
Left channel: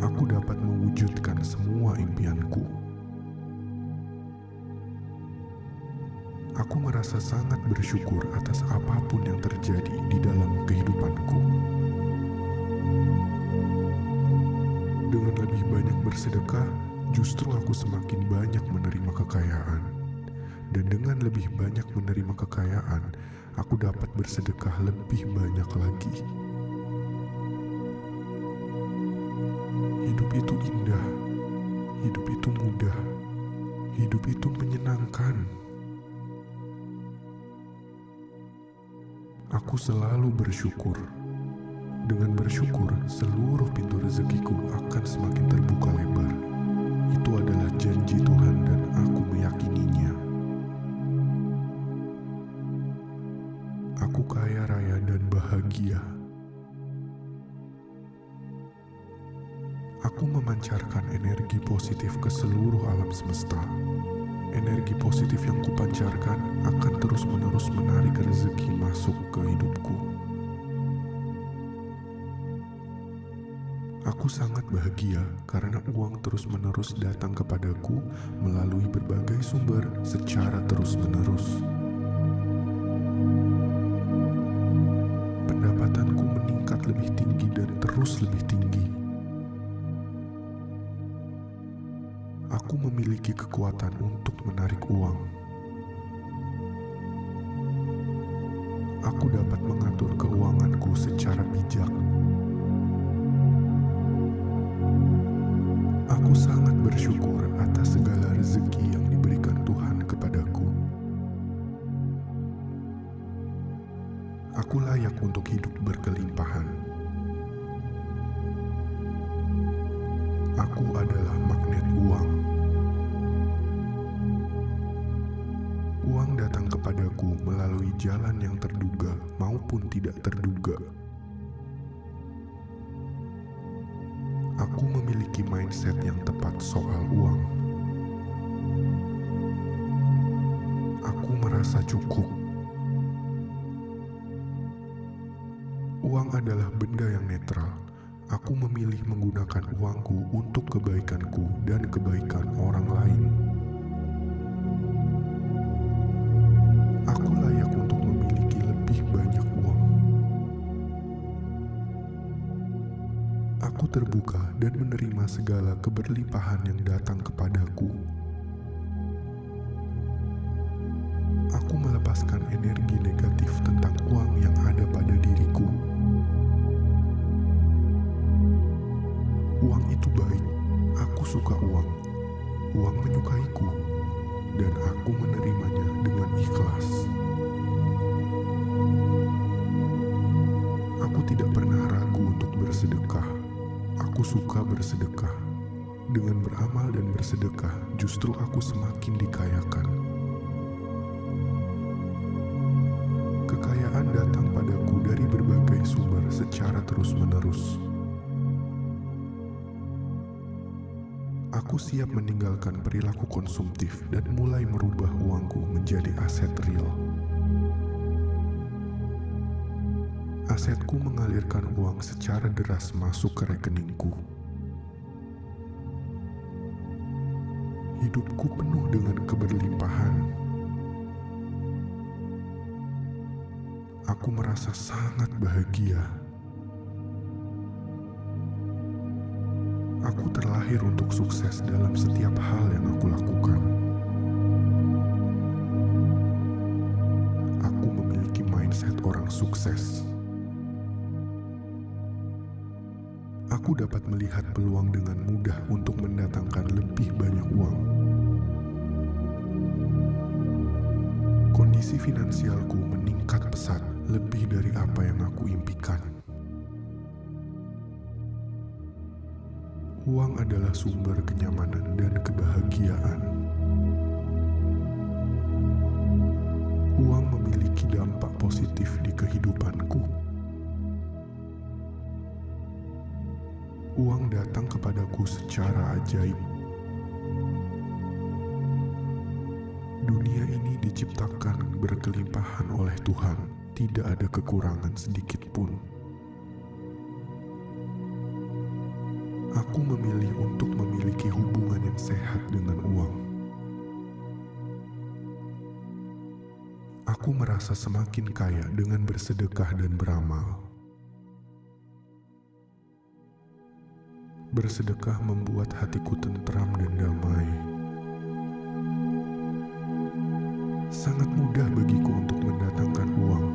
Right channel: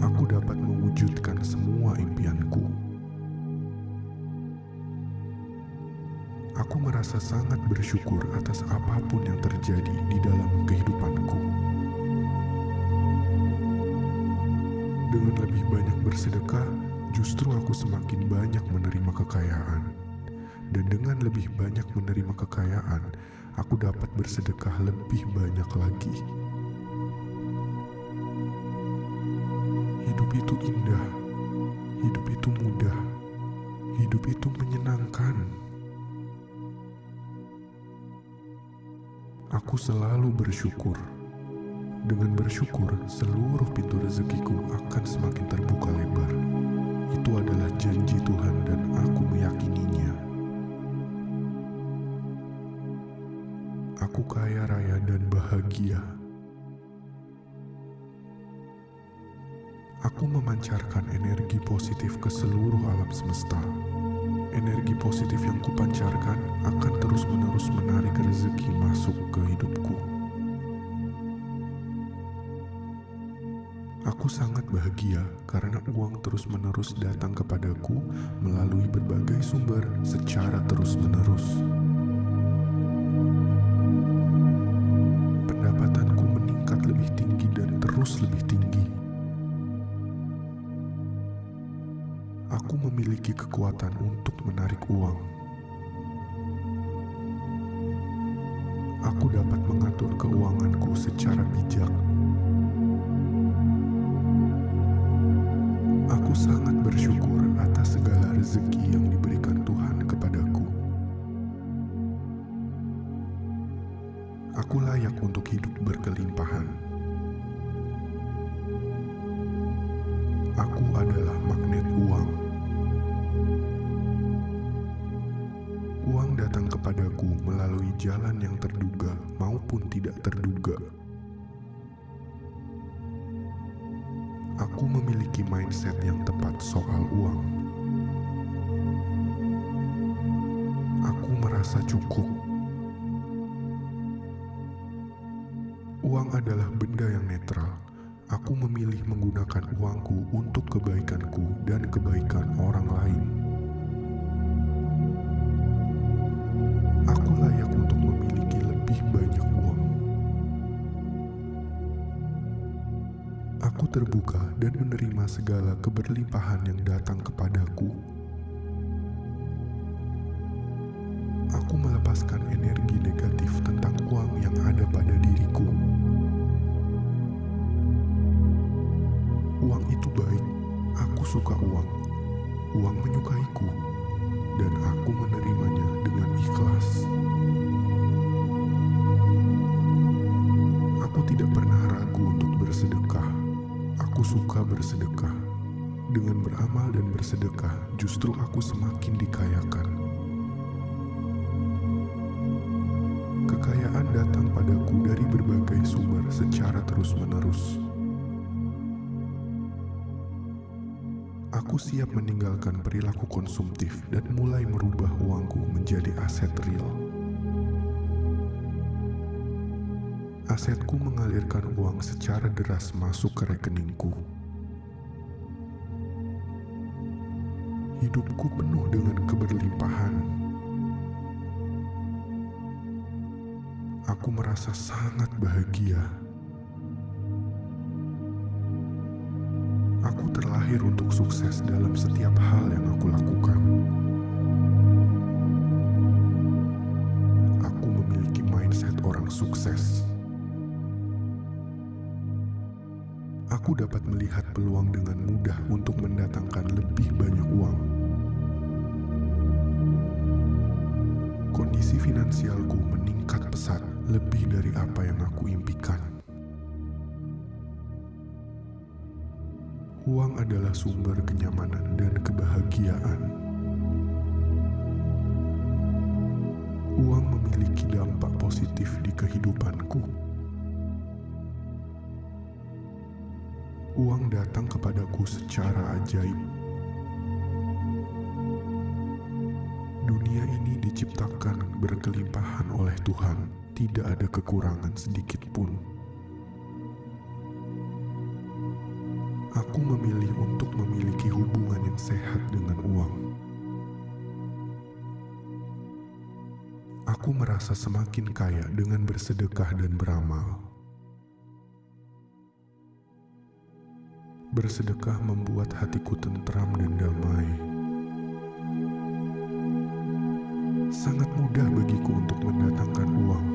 Aku dapat mewujudkan semua impianku. Aku merasa sangat bersyukur atas apapun yang terjadi di dalam kehidupanku. Dengan lebih banyak bersedekah, justru aku semakin banyak menerima kekayaan. Dan dengan lebih banyak menerima kekayaan, aku dapat bersedekah lebih banyak lagi. Hidup itu indah, Hidup itu mudah, hidup itu menyenangkan. Aku selalu bersyukur. Dengan bersyukur, seluruh pintu rezekiku akan semakin terbuka lebar. Itu adalah janji Tuhan dan aku meyakininya. Aku kaya raya dan bahagia. Aku memancarkan energi positif ke seluruh alam semesta. Energi positif yang kupancarkan akan terus-menerus menarik rezeki masuk ke hidupku. Aku sangat bahagia karena uang terus-menerus datang kepadaku melalui berbagai sumber secara terus-menerus. Pendapatanku meningkat lebih tinggi dan terus lebih tinggi. Aku memiliki kekuatan untuk menarik uang. Aku dapat mengatur keuanganku secara bijak. Aku sangat bersyukur atas segala rezeki yang diberikan Tuhan kepadaku. Aku layak untuk hidup berkelimpahan. Aku adalah magnet uang. Uang datang kepadaku melalui jalan yang terduga maupun tidak terduga. Aku memiliki mindset yang tepat soal uang. Aku merasa cukup. Uang adalah benda yang netral. Aku memilih menggunakan uangku untuk kebaikanku dan kebaikan orang lain. Aku layak untuk memiliki lebih banyak uang. Aku terbuka dan menerima segala keberlimpahan yang datang kepadaku. Aku melepaskan energi negatif tentang uang yang ada pada diriku. Uang itu baik, aku suka uang. Uang menyukaiku, dan aku menerimanya dengan ikhlas. Aku tidak pernah ragu untuk bersedekah. Aku suka bersedekah. Dengan beramal dan bersedekah, justru aku semakin dikayakan. Kekayaan datang padaku dari berbagai sumber secara terus-menerus. Aku siap meninggalkan perilaku konsumtif dan mulai merubah uangku menjadi aset real. Asetku mengalirkan uang secara deras masuk ke rekeningku. Hidupku penuh dengan keberlimpahan. Aku merasa sangat bahagia. Aku terlahir untuk sukses dalam setiap hal yang aku lakukan. Aku memiliki mindset orang sukses. Aku dapat melihat peluang dengan mudah untuk mendatangkan lebih banyak uang. Kondisi finansialku meningkat pesat lebih dari apa yang aku impikan. Uang adalah sumber kenyamanan dan kebahagiaan. Uang memiliki dampak positif di kehidupanku. Uang datang kepadaku secara ajaib. Dunia ini diciptakan berkelimpahan oleh Tuhan, tidak ada kekurangan sedikit pun. Aku memilih untuk memiliki hubungan yang sehat dengan uang. Aku merasa semakin kaya dengan bersedekah dan beramal. Bersedekah membuat hatiku tentram dan damai. Sangat mudah bagiku untuk mendatangkan uang.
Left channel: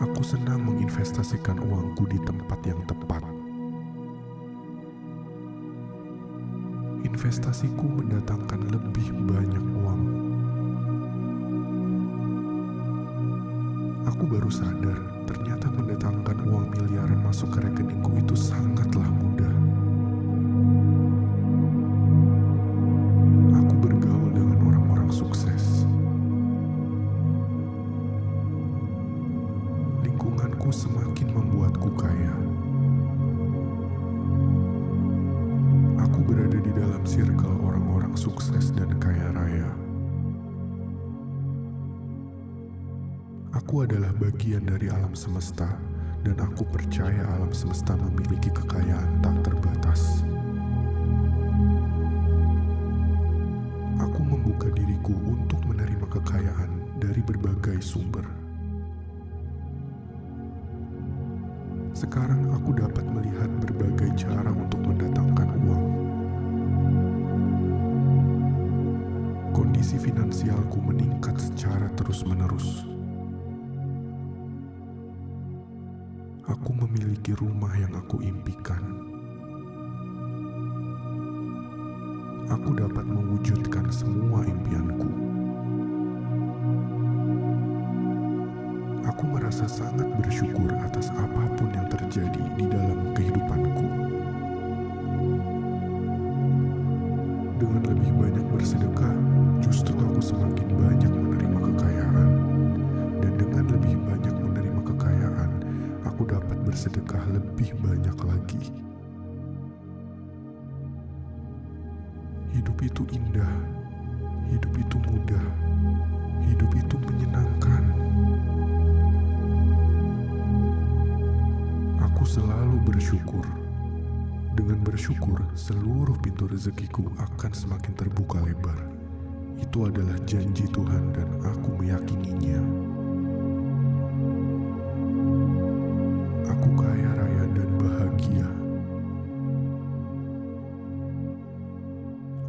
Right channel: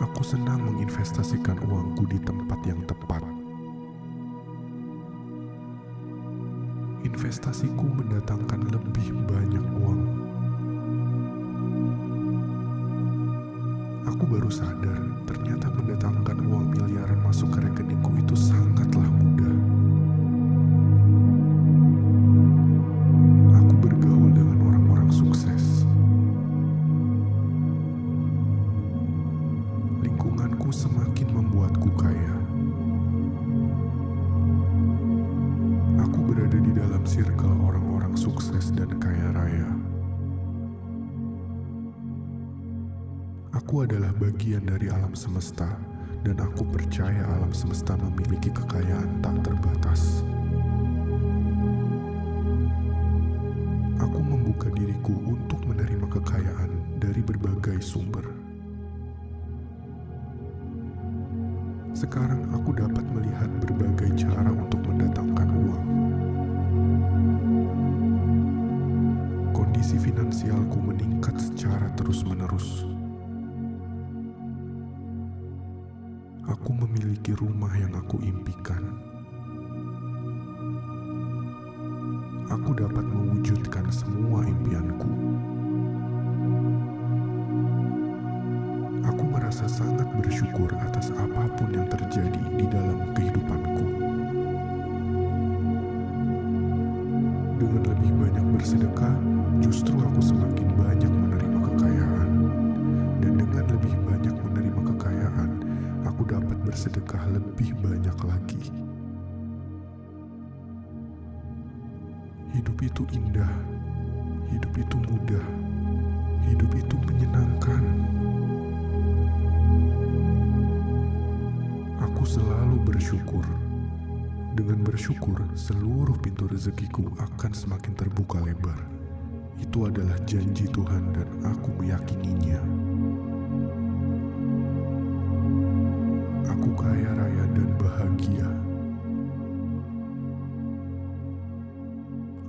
Aku senang menginvestasikan uangku di tempat yang tepat. Investasiku mendatangkan lebih banyak uang. Aku baru sadar, ternyata mendatangkan uang miliaran masuk ke rekeningku itu sangatlah mudah. Aku bergaul dengan orang-orang sukses. Lingkunganku semakin membuatku kaya. Aku berada di dalam circle orang-orang sukses dan kaya raya. Aku adalah bagian dari alam semesta, dan aku percaya alam semesta memiliki kekayaan tak terbatas. Aku membuka diriku untuk menerima kekayaan dari berbagai sumber. Sekarang aku dapat melihat berbagai cara untuk mendatangkan uang. Kondisi finansialku meningkat secara terus-menerus. Aku memiliki rumah yang aku impikan. Aku dapat mewujudkan semua impianku. Aku merasa sangat bersyukur atas apapun yang terjadi di dalam kehidupanku. Dengan lebih banyak bersedekah, justru aku semakin banyak menerima kekayaan. Dan dengan lebih banyak menerima kekayaan, aku dapat bersedekah lebih banyak lagi. Hidup itu indah, hidup itu mudah, hidup itu menyenangkan. Aku selalu bersyukur. Dengan bersyukur, seluruh pintu rezekiku akan semakin terbuka lebar. Itu adalah janji Tuhan dan aku meyakininya. Aku kaya raya dan bahagia.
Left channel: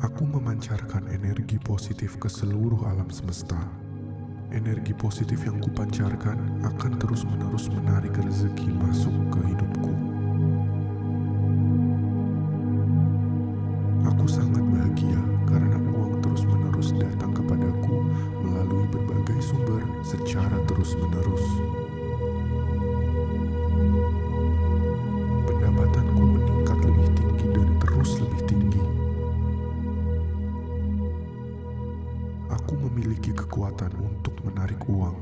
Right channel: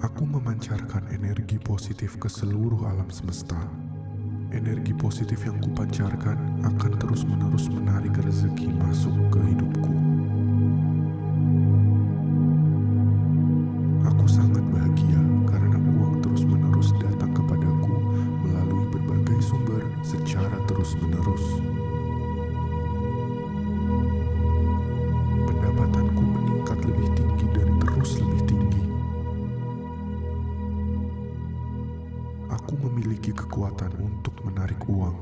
Aku memancarkan energi positif ke seluruh alam semesta. Energi positif yang kupancarkan akan terus-menerus menarik rezeki masuk ke hidupku. Aku sangat bahagia karena uang terus-menerus datang kepadaku melalui berbagai sumber secara terus-menerus. Pendapatanku meningkat lebih tinggi dan terus lebih tinggi. Aku memiliki kekuatan untuk menarik uang.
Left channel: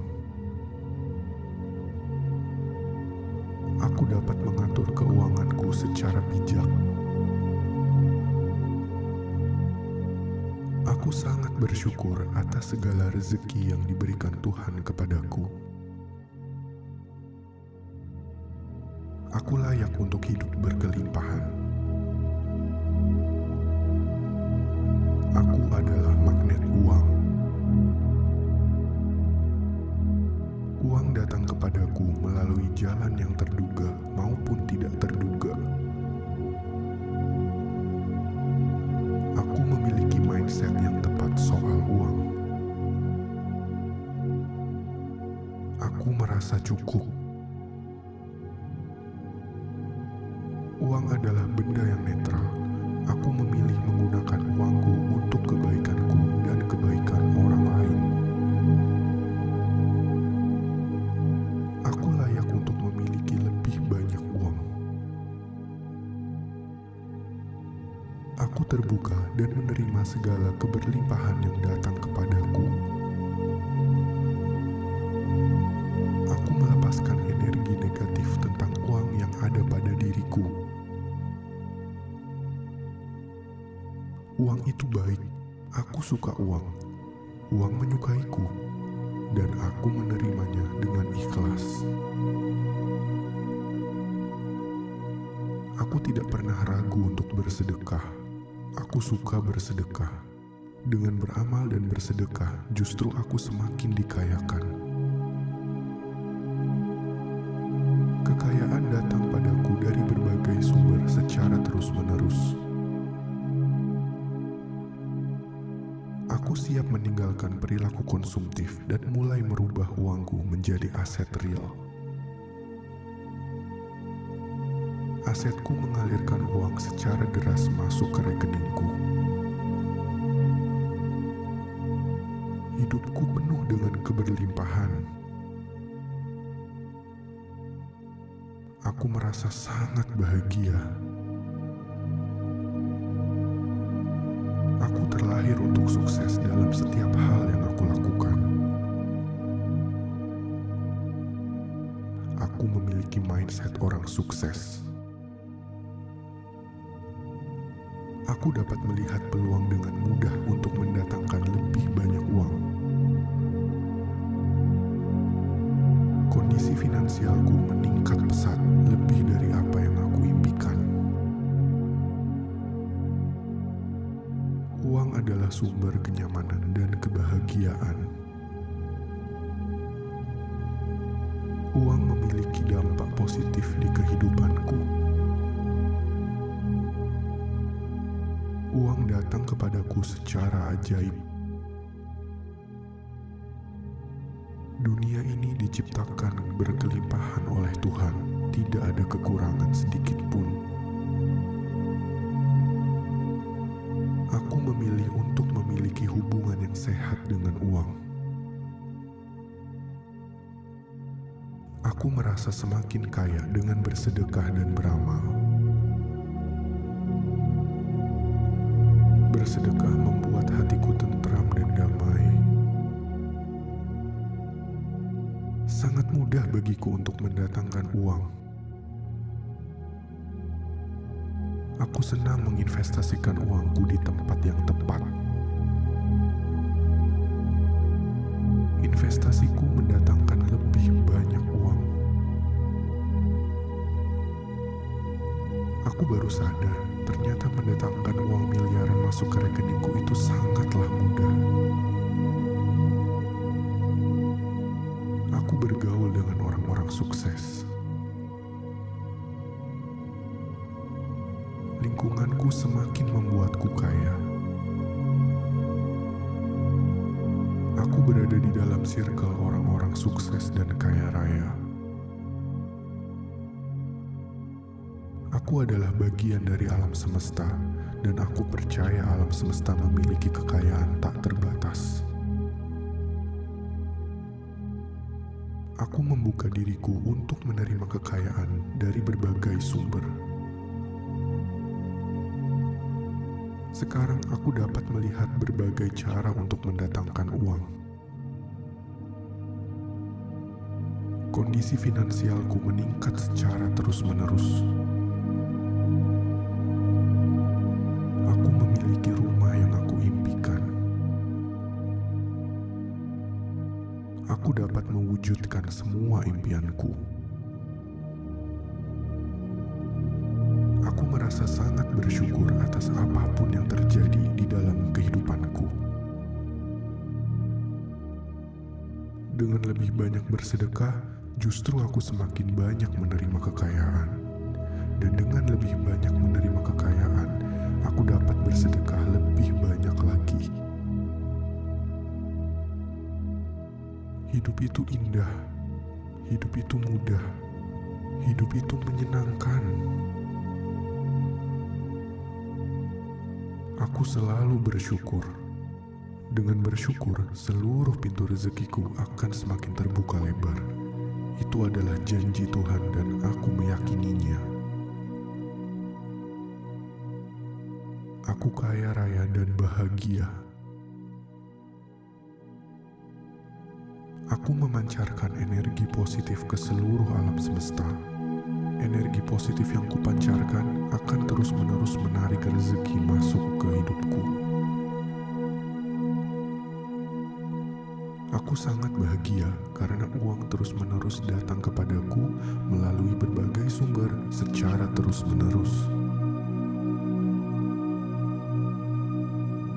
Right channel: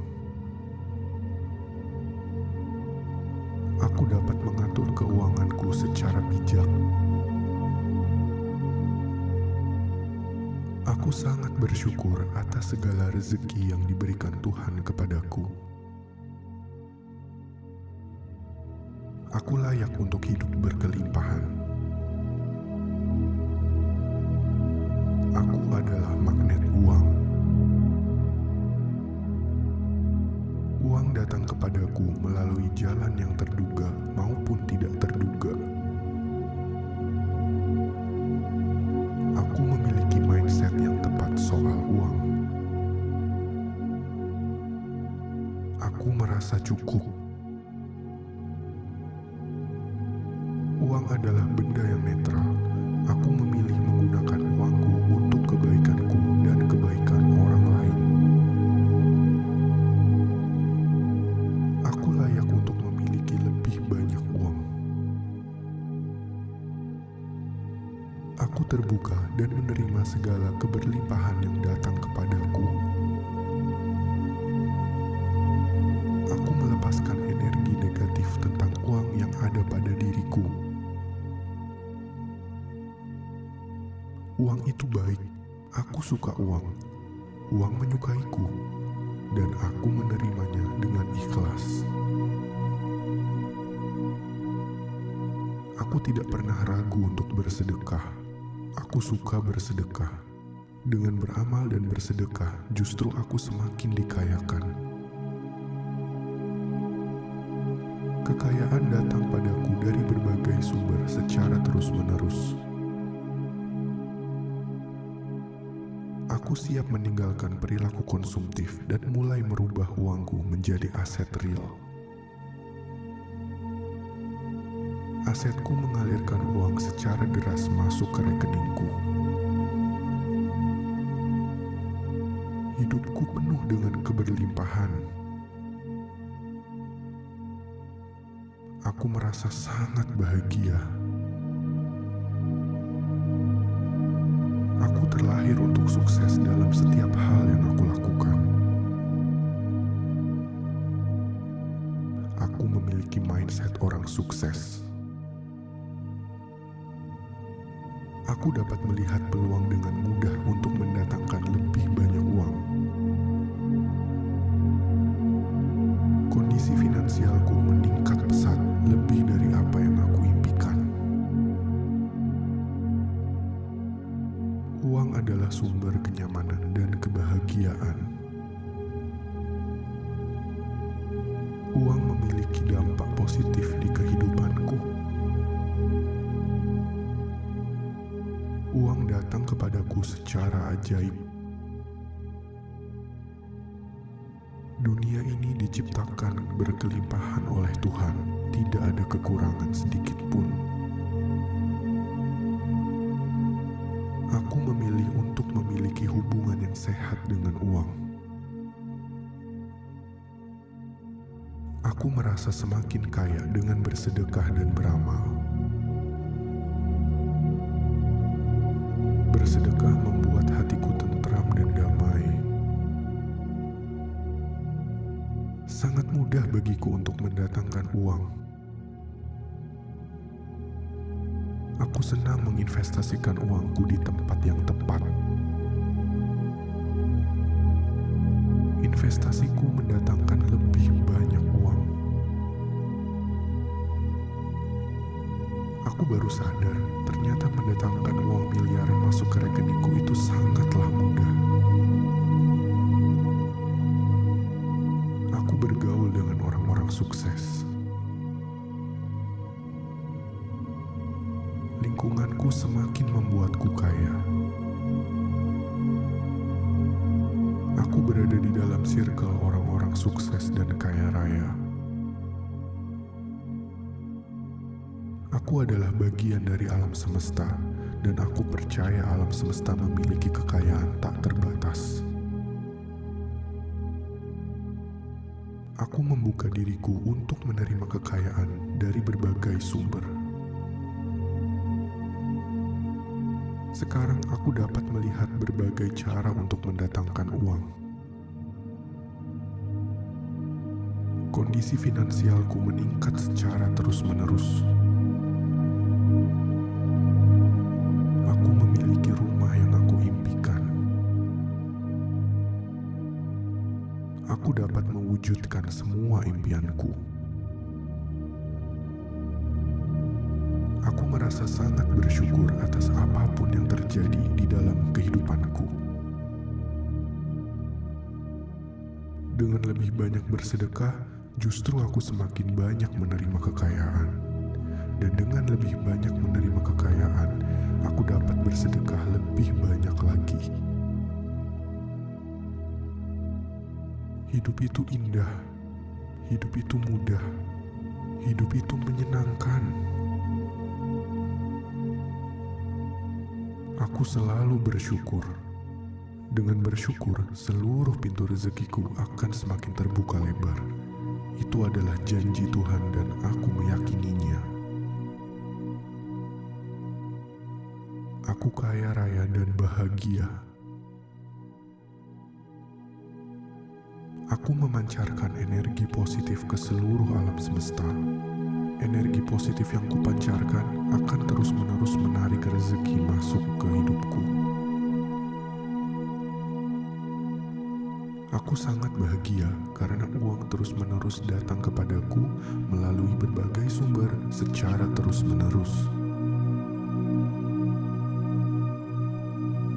Aku dapat mengatur keuanganku secara bijak. Aku sangat bersyukur atas segala rezeki yang diberikan Tuhan kepadaku. Aku layak untuk hidup berkelimpahan. Aku adalah magnet uang. Uang datang kepadaku melalui jalan yang terduga maupun tidak terduga. Aku memiliki mindset yang tepat soal uang. Aku merasa cukup. Uang adalah benda yang netral. Aku memilih menggunakan uangku untuk kebaikanku dan kebaikan orang lain. Aku layak untuk memiliki lebih banyak uang. Aku terbuka dan menerima segala keberlimpahan yang datang kepadaku. Aku melepaskan energi negatif tentang uang yang ada pada diriku. Uang itu baik, aku suka uang. Uang menyukaiku, dan aku menerimanya dengan ikhlas. Aku tidak pernah ragu untuk bersedekah. Aku suka bersedekah. Dengan beramal dan bersedekah, justru aku semakin dikayakan. Kekayaan datang padaku dari berbagai sumber secara terus-menerus. Aku siap meninggalkan perilaku konsumtif dan mulai merubah uangku menjadi aset real. Asetku mengalirkan uang secara deras masuk ke rekeningku. Hidupku penuh dengan keberlimpahan. Aku merasa sangat bahagia. Aku terlahir untuk sukses dalam setiap hal yang aku lakukan. Aku memiliki mindset orang sukses. Aku dapat melihat peluang dengan mudah untuk mendatangkan lebih banyak uang. Kondisi finansialku meningkat pesat, lebih dari apa yang aku impikan. Uang adalah sumber kenyamanan dan kebahagiaan. Uang memiliki dampak positif di kehidupanku. Uang datang kepadaku secara ajaib. Dunia ini diciptakan berkelimpahan oleh Tuhan, tidak ada kekurangan sedikit pun. Aku memilih untuk memiliki hubungan yang sehat dengan uang. Aku merasa semakin kaya dengan bersedekah dan beramal. Bersedekah membuat hatiku tentram dan damai. Sangat mudah bagiku untuk mendatangkan uang. Aku senang menginvestasikan uangku di tempat yang tepat. Investasiku mendatangkan lebih banyak uang. Aku baru sadar, ternyata mendatangkan uang miliaran masuk ke rekeningku itu sangatlah mudah. Aku bergaul dengan orang-orang sukses. Lingkunganku semakin membuatku kaya. Aku berada di dalam circle orang-orang sukses dan kaya raya. Aku adalah bagian dari alam semesta, dan aku percaya alam semesta memiliki kekayaan tak terbatas. Aku membuka diriku untuk menerima kekayaan dari berbagai sumber. Sekarang aku dapat melihat berbagai cara untuk mendatangkan uang. Kondisi finansialku meningkat secara terus-menerus. Aku memiliki rumah yang aku impikan. Aku dapat mewujudkan semua impianku. Aku merasa sangat bersyukur atas apapun yang terjadi di dalam kehidupanku. Dengan lebih banyak bersedekah, justru aku semakin banyak menerima kekayaan. Dan dengan lebih banyak menerima kekayaan, aku dapat bersedekah lebih banyak lagi. Hidup itu indah, hidup itu mudah, hidup itu menyenangkan. Aku selalu bersyukur. Dengan bersyukur, seluruh pintu rezekiku akan semakin terbuka lebar. Itu adalah janji Tuhan dan aku meyakininya. Aku kaya raya dan bahagia. Aku memancarkan energi positif ke seluruh alam semesta. Energi positif yang kupancarkan akan terus-menerus menarik rezeki masuk ke hidupku. Aku sangat bahagia karena uang terus-menerus datang kepadaku melalui berbagai sumber secara terus-menerus.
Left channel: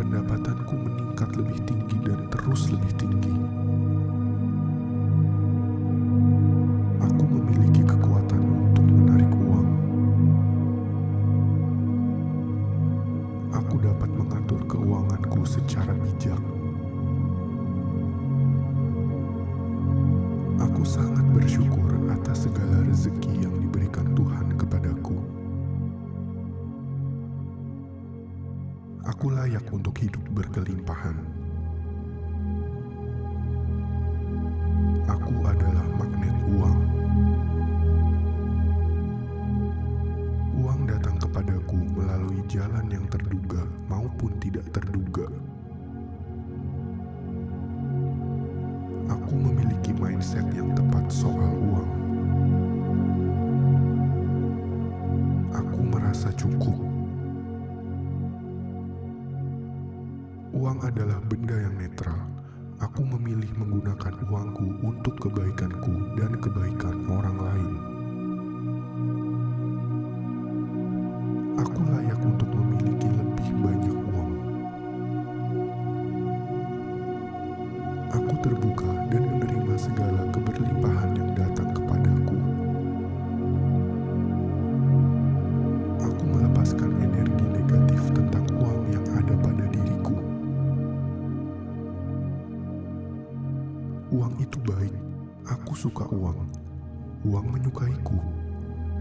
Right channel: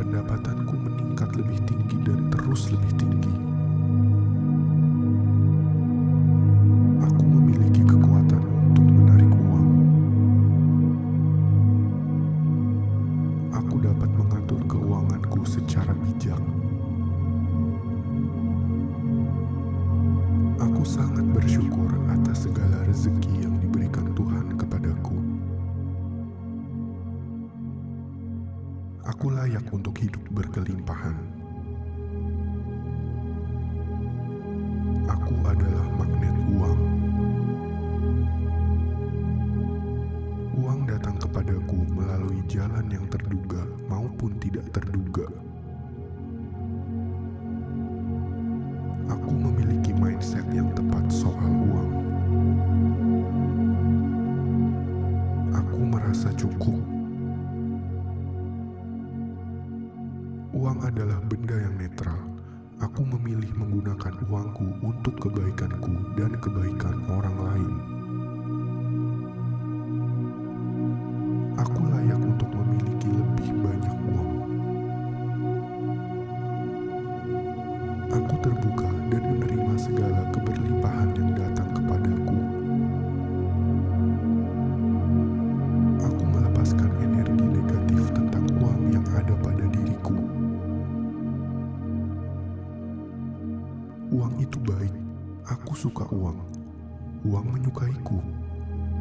Pendapatanku meningkat lebih tinggi dan terus lebih tinggi. Aku memiliki kekuatan untuk menarik uang. Aku dapat mengatur keuanganku secara bijak. Aku sangat bersyukur atas segala rezeki yang diberikan Tuhan kepadaku. Aku layak untuk hidup berkelimpahan. Aku adalah magnet uang. Uang datang kepadaku melalui jalan yang terduga maupun tidak terduga. Aku memiliki mindset yang tepat soal uang. Aku merasa cukup. Uang adalah benda yang netral. Aku memilih menggunakan uangku untuk kebaikanku dan kebaikan orang lain. Aku layak untuk memiliki lebih banyak uang. Aku terbuka dan menerima segala keberlimpahan yang datang kepadaku. Aku melepaskan energi negatif tentang uang yang ada pada diriku. Uang itu baik. Aku suka uang. Uang menyukaiku.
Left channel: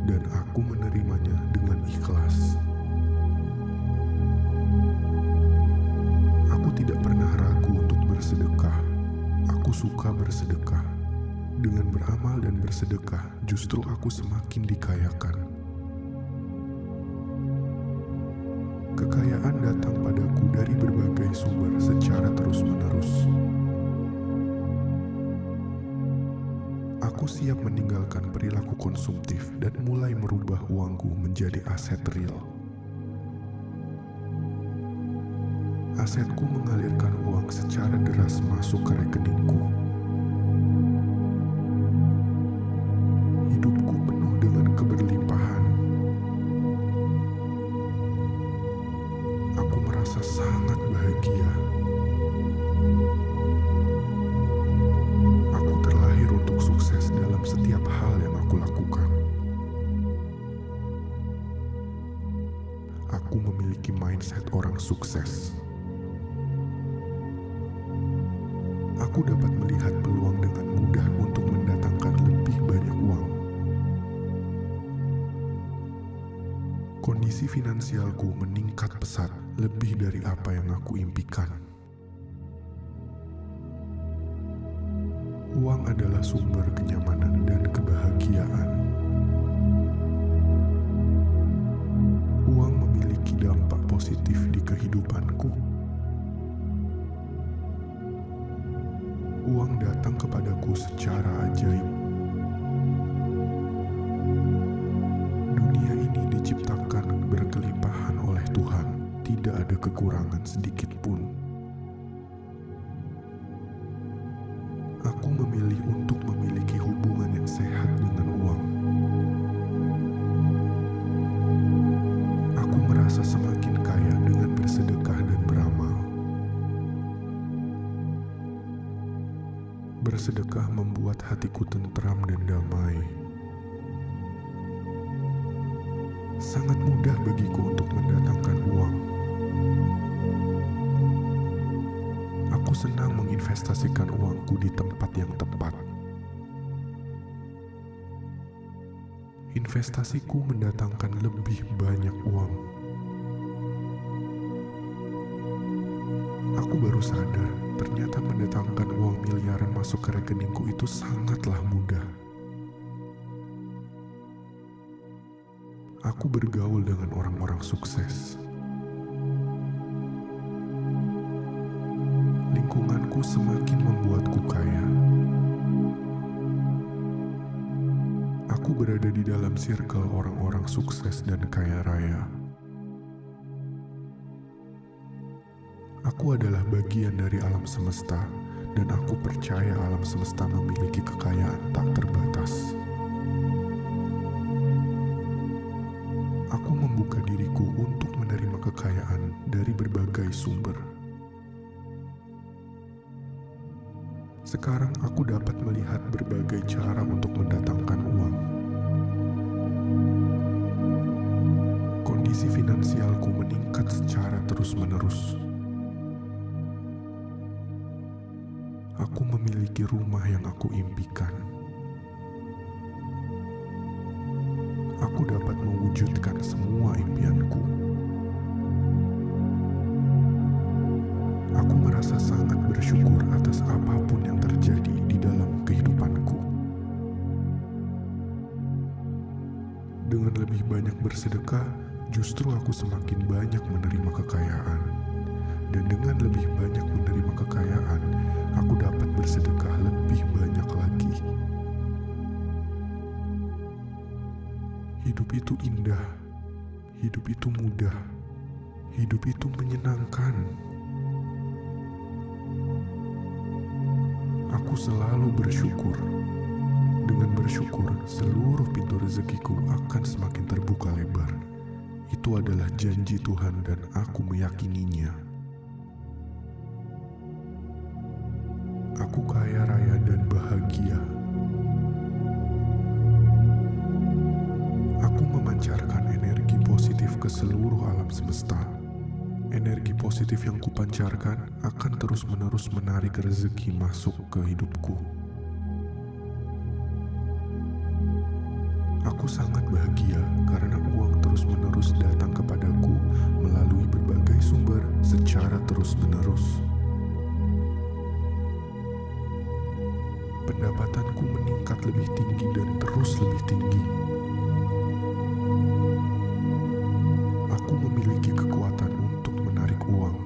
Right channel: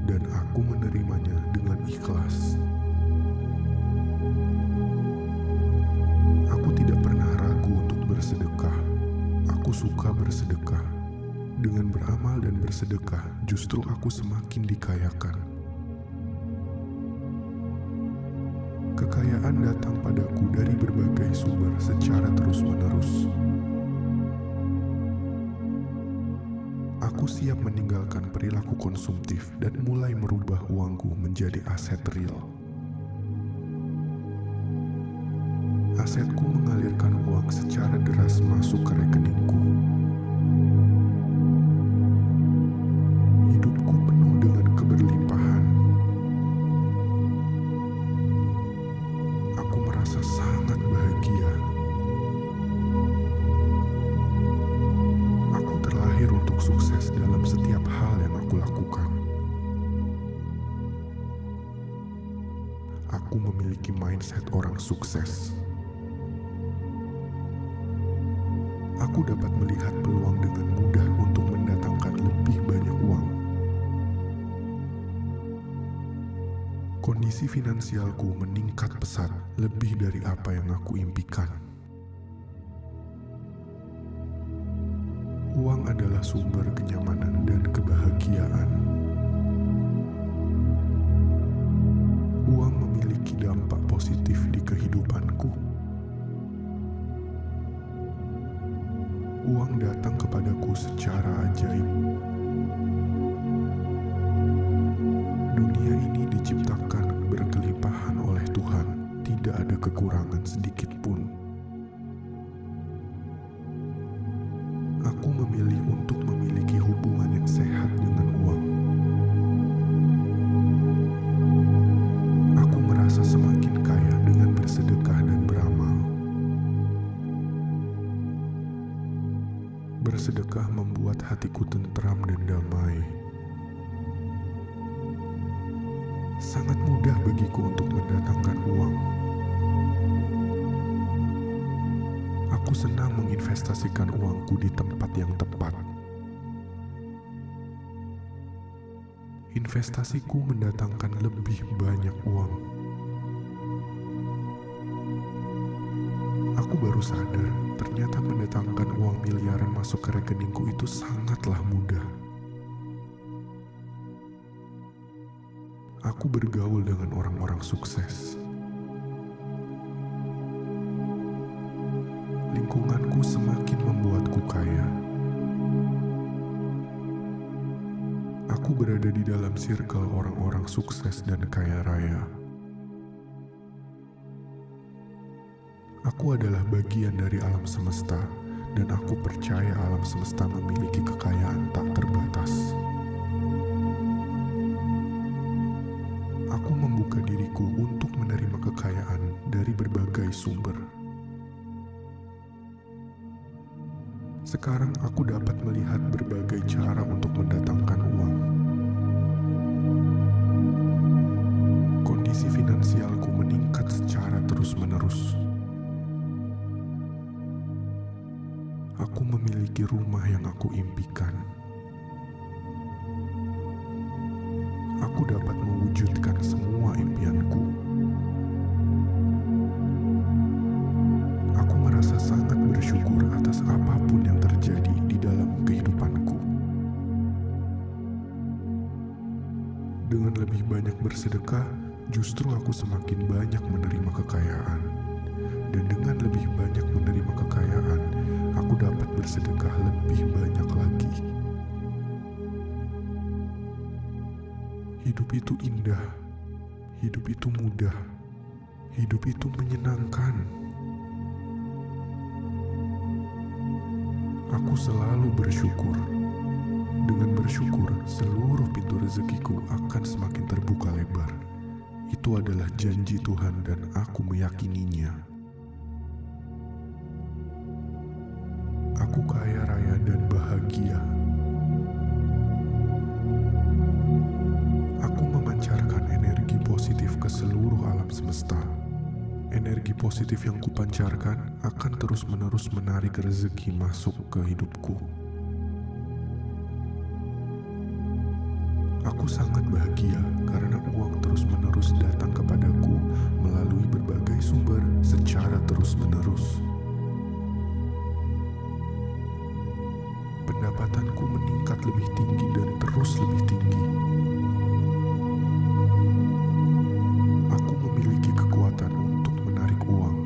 Dan aku menerimanya dengan ikhlas. Aku tidak pernah ragu untuk bersedekah. Aku suka bersedekah. Dengan beramal dan bersedekah, justru aku semakin dikayakan. Kekayaan datang padaku dari berbagai sumber secara terus-menerus. Aku siap meninggalkan perilaku konsumtif dan mulai merubah uangku menjadi aset real. Asetku mengalirkan uang secara deras masuk ke rekeningku. Hidupku penuh dengan keberlimpahan. Aku merasa sangat bahagia. Aku terlahir untuk sukses dalam setiap hal yang aku lakukan. Aku memiliki mindset orang sukses. Aku dapat melihat peluang dengan mudah untuk mendatangkan lebih banyak uang. Kondisi finansialku meningkat pesat, lebih dari apa yang aku impikan. Uang adalah sumber kenyamanan dan kebahagiaan. Uang memiliki dampak positif di kehidupanku. Uang datang kepadaku secara ajaib. Dunia ini diciptakan berkelimpahan oleh Tuhan, tidak ada kekurangan sedikit pun. Aku memilih untuk memiliki hubungan yang sehat dengan uang. Aku merasa semakin kaya dengan bersedekah dan beramal. Bersedekah membuat hatiku tentram dan damai. Sangat mudah bagiku untuk mendatangkan uang. Aku senang menginvestasikan uangku di tempat yang tepat. Investasiku mendatangkan lebih banyak uang. Aku baru sadar, ternyata mendatangkan uang miliaran masuk ke rekeningku itu sangatlah mudah. Aku bergaul dengan orang-orang sukses. Lingkunganku semakin membuatku kaya. Aku berada di dalam circle orang-orang sukses dan kaya raya. Aku adalah bagian dari alam semesta, dan aku percaya alam semesta memiliki kekayaan tak terbatas. Aku membuka diriku untuk menerima kekayaan dari berbagai sumber. Sekarang aku dapat melihat berbagai cara untuk mendatangkan uang. Kondisi finansialku meningkat secara terus-menerus. Aku memiliki rumah yang aku impikan. Aku dapat mewujudkan semua impianku. Aku Aku merasa sangat bersyukur atas apapun yang terjadi di dalam kehidupanku. Dengan lebih banyak bersedekah, justru aku semakin banyak menerima kekayaan. Dan dengan lebih banyak menerima kekayaan, aku dapat bersedekah lebih banyak lagi. Hidup itu indah, hidup itu mudah, hidup itu menyenangkan. Aku selalu bersyukur. Dengan bersyukur, seluruh pintu rezekiku akan semakin terbuka lebar. Itu adalah janji Tuhan dan aku meyakininya. Aku kaya raya dan bahagia. Aku memancarkan energi positif ke seluruh alam semesta. Energi positif yang kupancarkan akan terus-menerus menarik rezeki masuk ke hidupku. Aku sangat bahagia karena uang terus-menerus datang kepadaku melalui berbagai sumber secara terus-menerus. Pendapatanku meningkat lebih tinggi dan terus lebih tinggi. Aku memiliki kekuatan untuk menarik uang.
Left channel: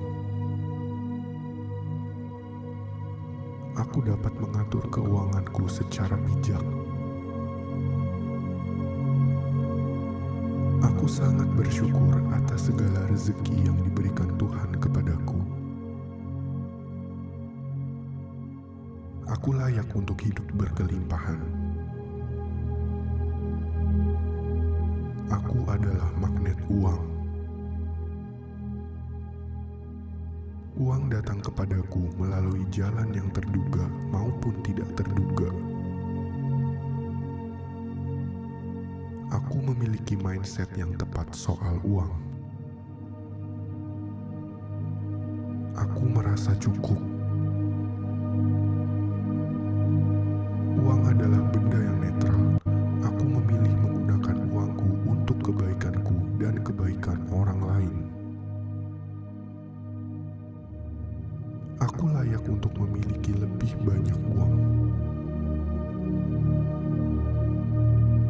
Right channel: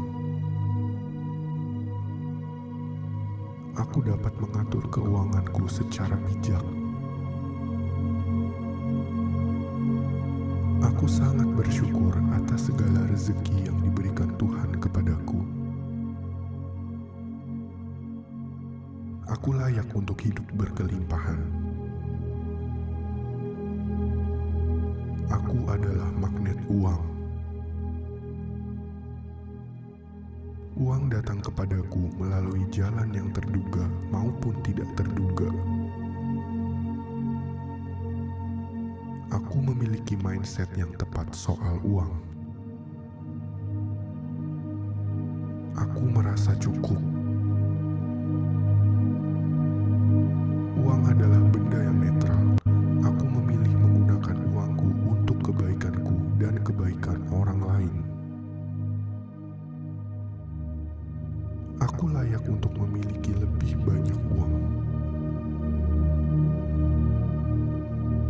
Aku dapat mengatur keuanganku secara bijak. Aku sangat bersyukur atas segala rezeki yang diberikan Tuhan kepadaku. Aku layak untuk hidup berkelimpahan. Aku adalah magnet uang. Uang datang kepadaku melalui jalan yang terduga maupun tidak terduga. Aku memiliki mindset yang tepat soal uang. Aku merasa cukup. Uang adalah benda yang netral. Aku memilih menggunakan uangku untuk kebaikanku dan kebaikan orang lain. Aku layak untuk memiliki lebih banyak uang.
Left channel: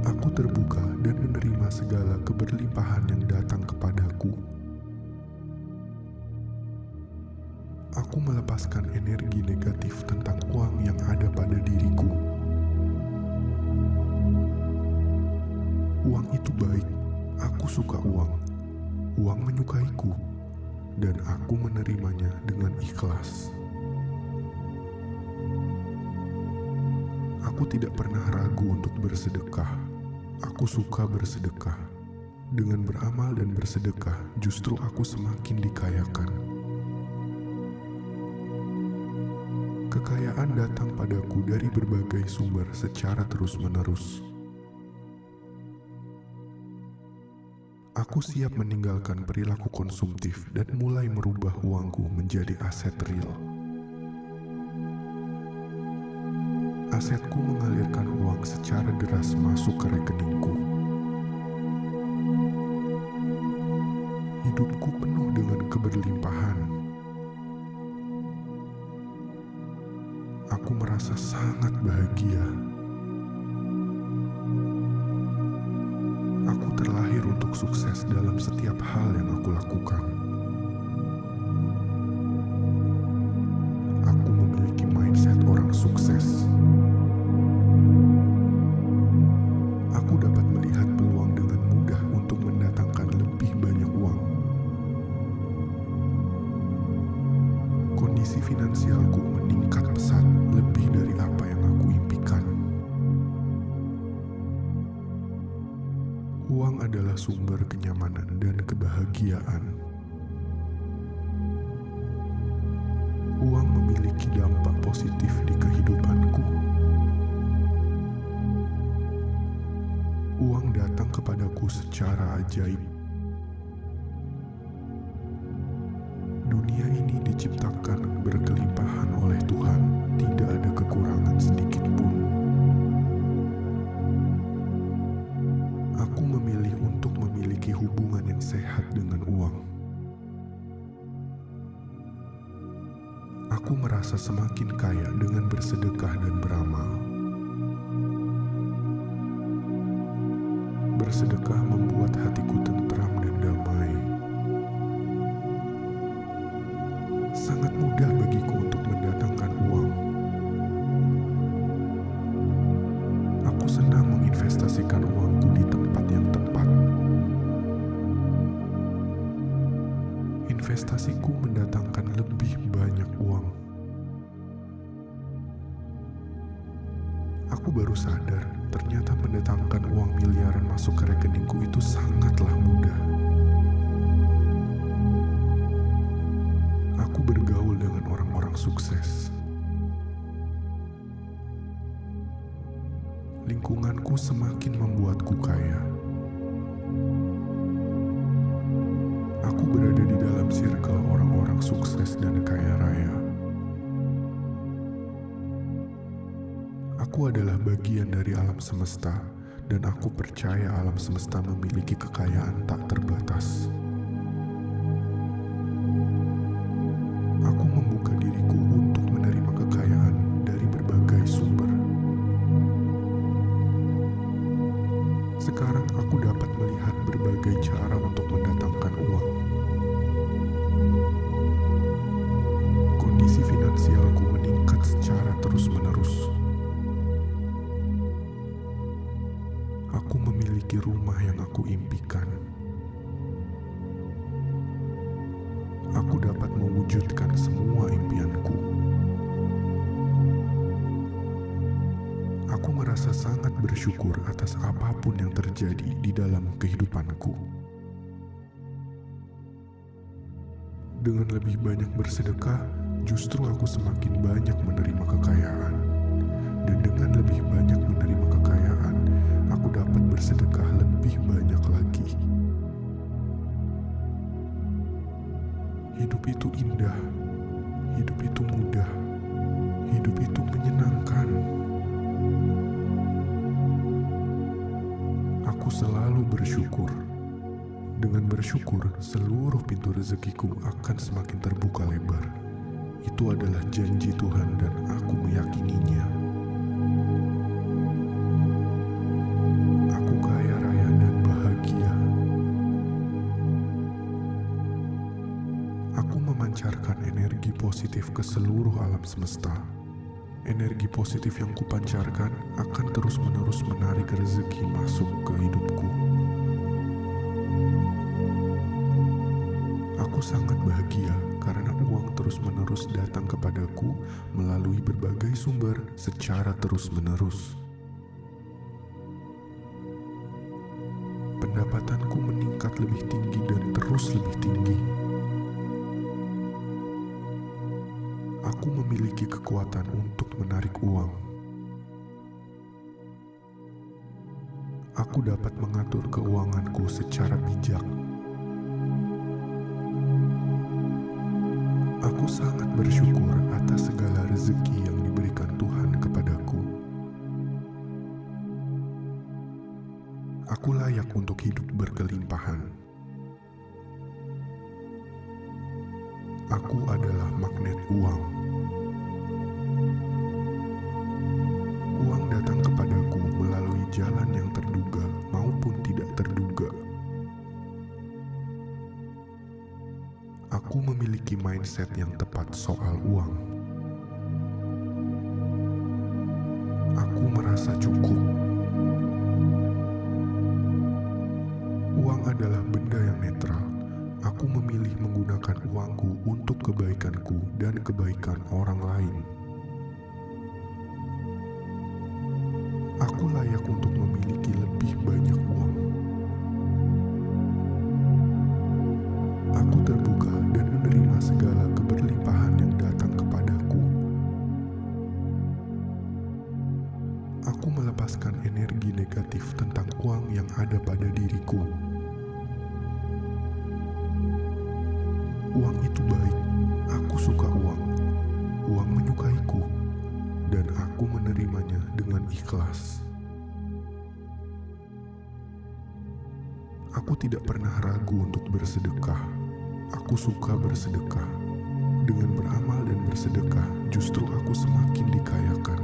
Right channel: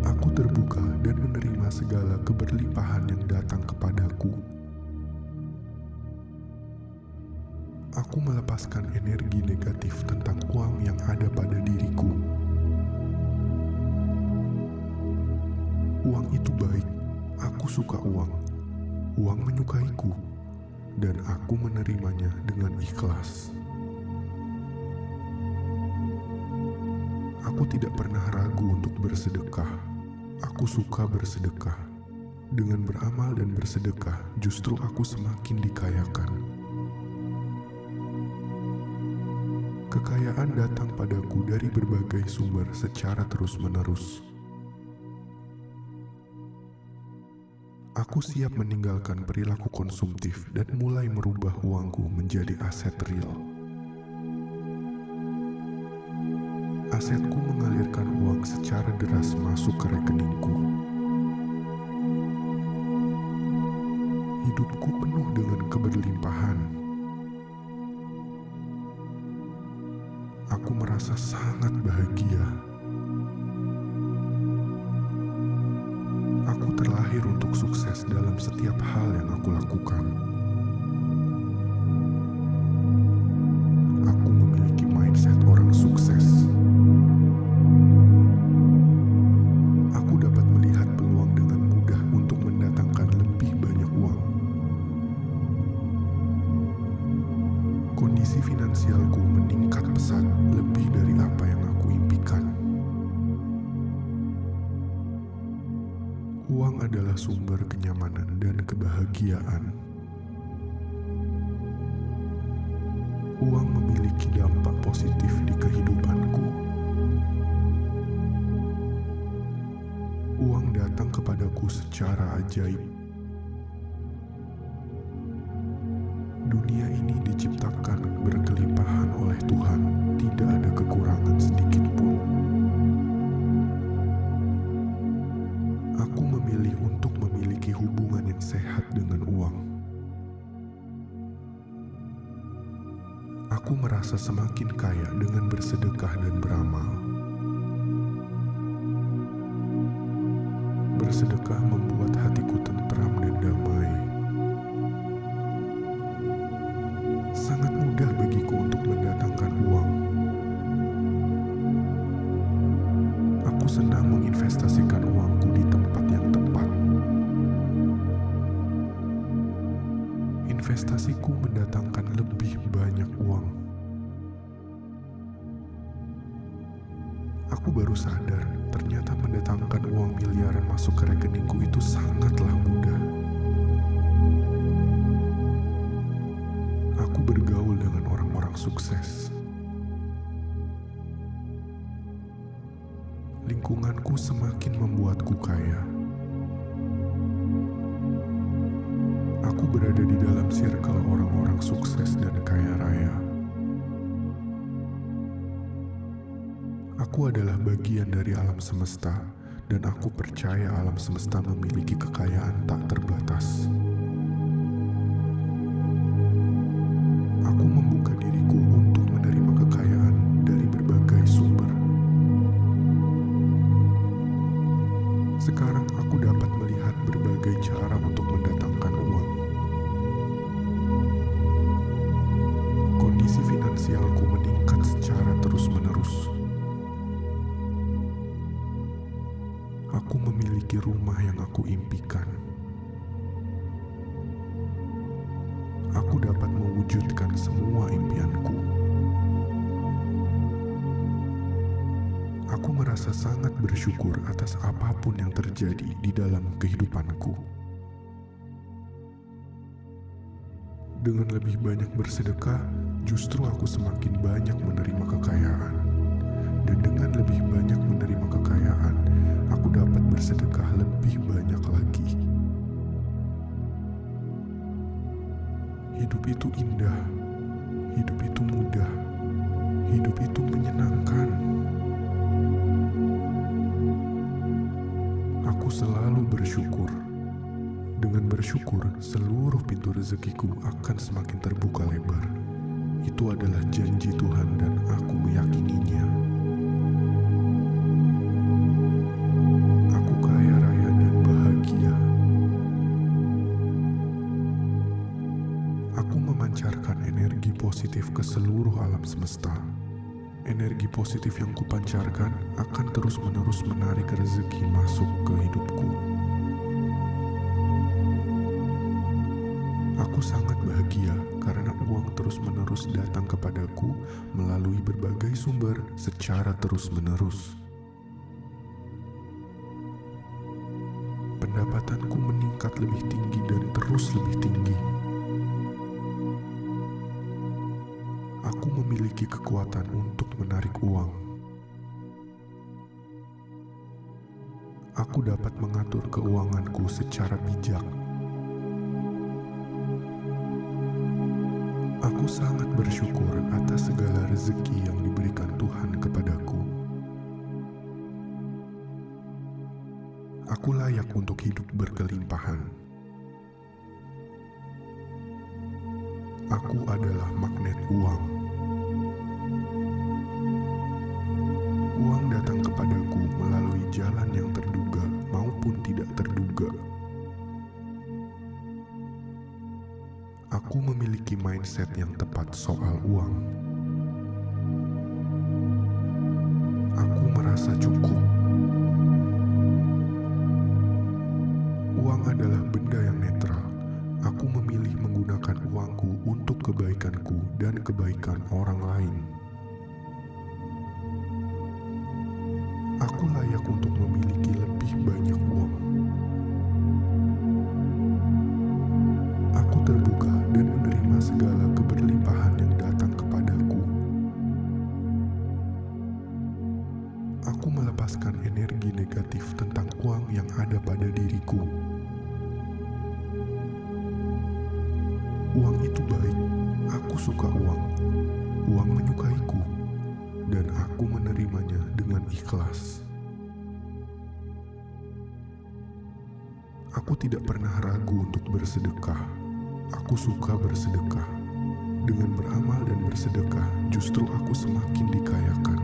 Aku terbuka dan menerima segala keberlimpahan yang datang kepadaku. Aku melepaskan energi negatif tentang uang yang ada pada diriku. Uang itu baik, aku suka uang. Uang menyukaiku, dan aku menerimanya dengan ikhlas. Aku tidak pernah ragu untuk bersedekah. Aku suka bersedekah. Dengan beramal dan bersedekah, justru aku semakin dikayakan. Kekayaan datang padaku dari berbagai sumber secara terus-menerus. Aku siap meninggalkan perilaku konsumtif dan mulai merubah uangku menjadi aset real. Asetku mengalirkan uang secara deras masuk ke rekeningku. Hidupku penuh dengan keberlimpahan. Aku merasa sangat bahagia. Aku terlahir untuk sukses dalam setiap hal yang aku lakukan. Aku memiliki mindset orang sukses. Aku dapat melihat peluang dengan mudah untuk mendatangkan lebih banyak uang. Kondisi finansialku meningkat pesat lebih dari apa yang aku impikan. Uang adalah sumber kenyamanan dan kebahagiaan. Uang memiliki dampak positif di kehidupanku. Uang datang kepadaku secara ajaib. Dunia ini diciptakan berkelimpahan oleh Tuhan, tidak ada kekurangan sedikit pun. Aku memilih untuk memiliki hubungan yang sehat dengan uang. Aku merasa semakin kaya dengan bersedekah dan beramal. Bersedekah membuat hatiku tentram dan damai. Sangat mudah bagiku untuk mendatangkan uang. Aku senang menginvestasikan uangku di tempat yang tepat. Investasiku mendatangkan lebih banyak uang. Aku baru sadar, ternyata mendatangkan uang miliaran masuk ke rekeningku itu sangatlah mudah. Aku bergaul dengan orang-orang sukses. Lingkunganku semakin membuatku kaya. Aku berada di dalam circle orang-orang sukses dan kaya raya. Aku adalah bagian dari alam semesta, dan aku percaya alam semesta memiliki kekayaan tak terbatas. Aku membuka diriku untuk menerima kekayaan dari berbagai sumber. Sekarang aku dapat melihat berbagai cara untuk mendatangkan uang. Kondisi finansialku meningkat secara terus-menerus. Aku memiliki rumah yang aku impikan. Aku dapat mewujudkan semua impianku. Aku merasa sangat bersyukur atas apapun yang terjadi di dalam kehidupanku. Dengan lebih banyak bersedekah, justru aku semakin banyak menerima kekayaan. Dan dengan lebih banyak menerima kekayaan, aku dapat bersedekah lebih banyak lagi. Hidup itu indah, hidup itu mudah, hidup itu menyenangkan. Aku selalu bersyukur. Dengan bersyukur, seluruh pintu rezekiku akan semakin terbuka lebar. Itu adalah janji Tuhan dan aku meyakininya. Aku kaya raya dan bahagia. Aku memancarkan energi positif ke seluruh alam semesta. Energi positif yang kupancarkan akan terus-menerus menarik rezeki masuk ke hidupku. Aku sangat bahagia karena uang terus-menerus datang kepadaku melalui berbagai sumber secara terus-menerus. Pendapatanku meningkat lebih tinggi dan terus lebih tinggi. Aku memiliki kekuatan untuk menarik uang. Aku dapat mengatur keuanganku secara bijak. Aku sangat bersyukur atas segala rezeki yang diberikan Tuhan kepadaku. Aku layak untuk hidup berkelimpahan. Aku adalah magnet uang. Uang datang kepadaku melalui jalan yang terduga maupun tidak terduga. Aku memiliki mindset yang tepat soal uang. Aku merasa cukup. Uang adalah benda yang netral. Aku memilih menggunakan uangku untuk kebaikanku dan kebaikan orang lain. Aku layak untuk memiliki lebih banyak uang. Aku terbuka dan menerima segala keberlimpahan yang datang kepadaku. Aku melepaskan energi negatif tentang uang yang ada pada diriku. Uang itu baik. Aku suka uang. Uang menyukaiku. Dan aku menerimanya dengan ikhlas. Aku tidak pernah ragu untuk bersedekah. Aku suka bersedekah. Dengan beramal dan bersedekah, justru aku semakin dikayakan.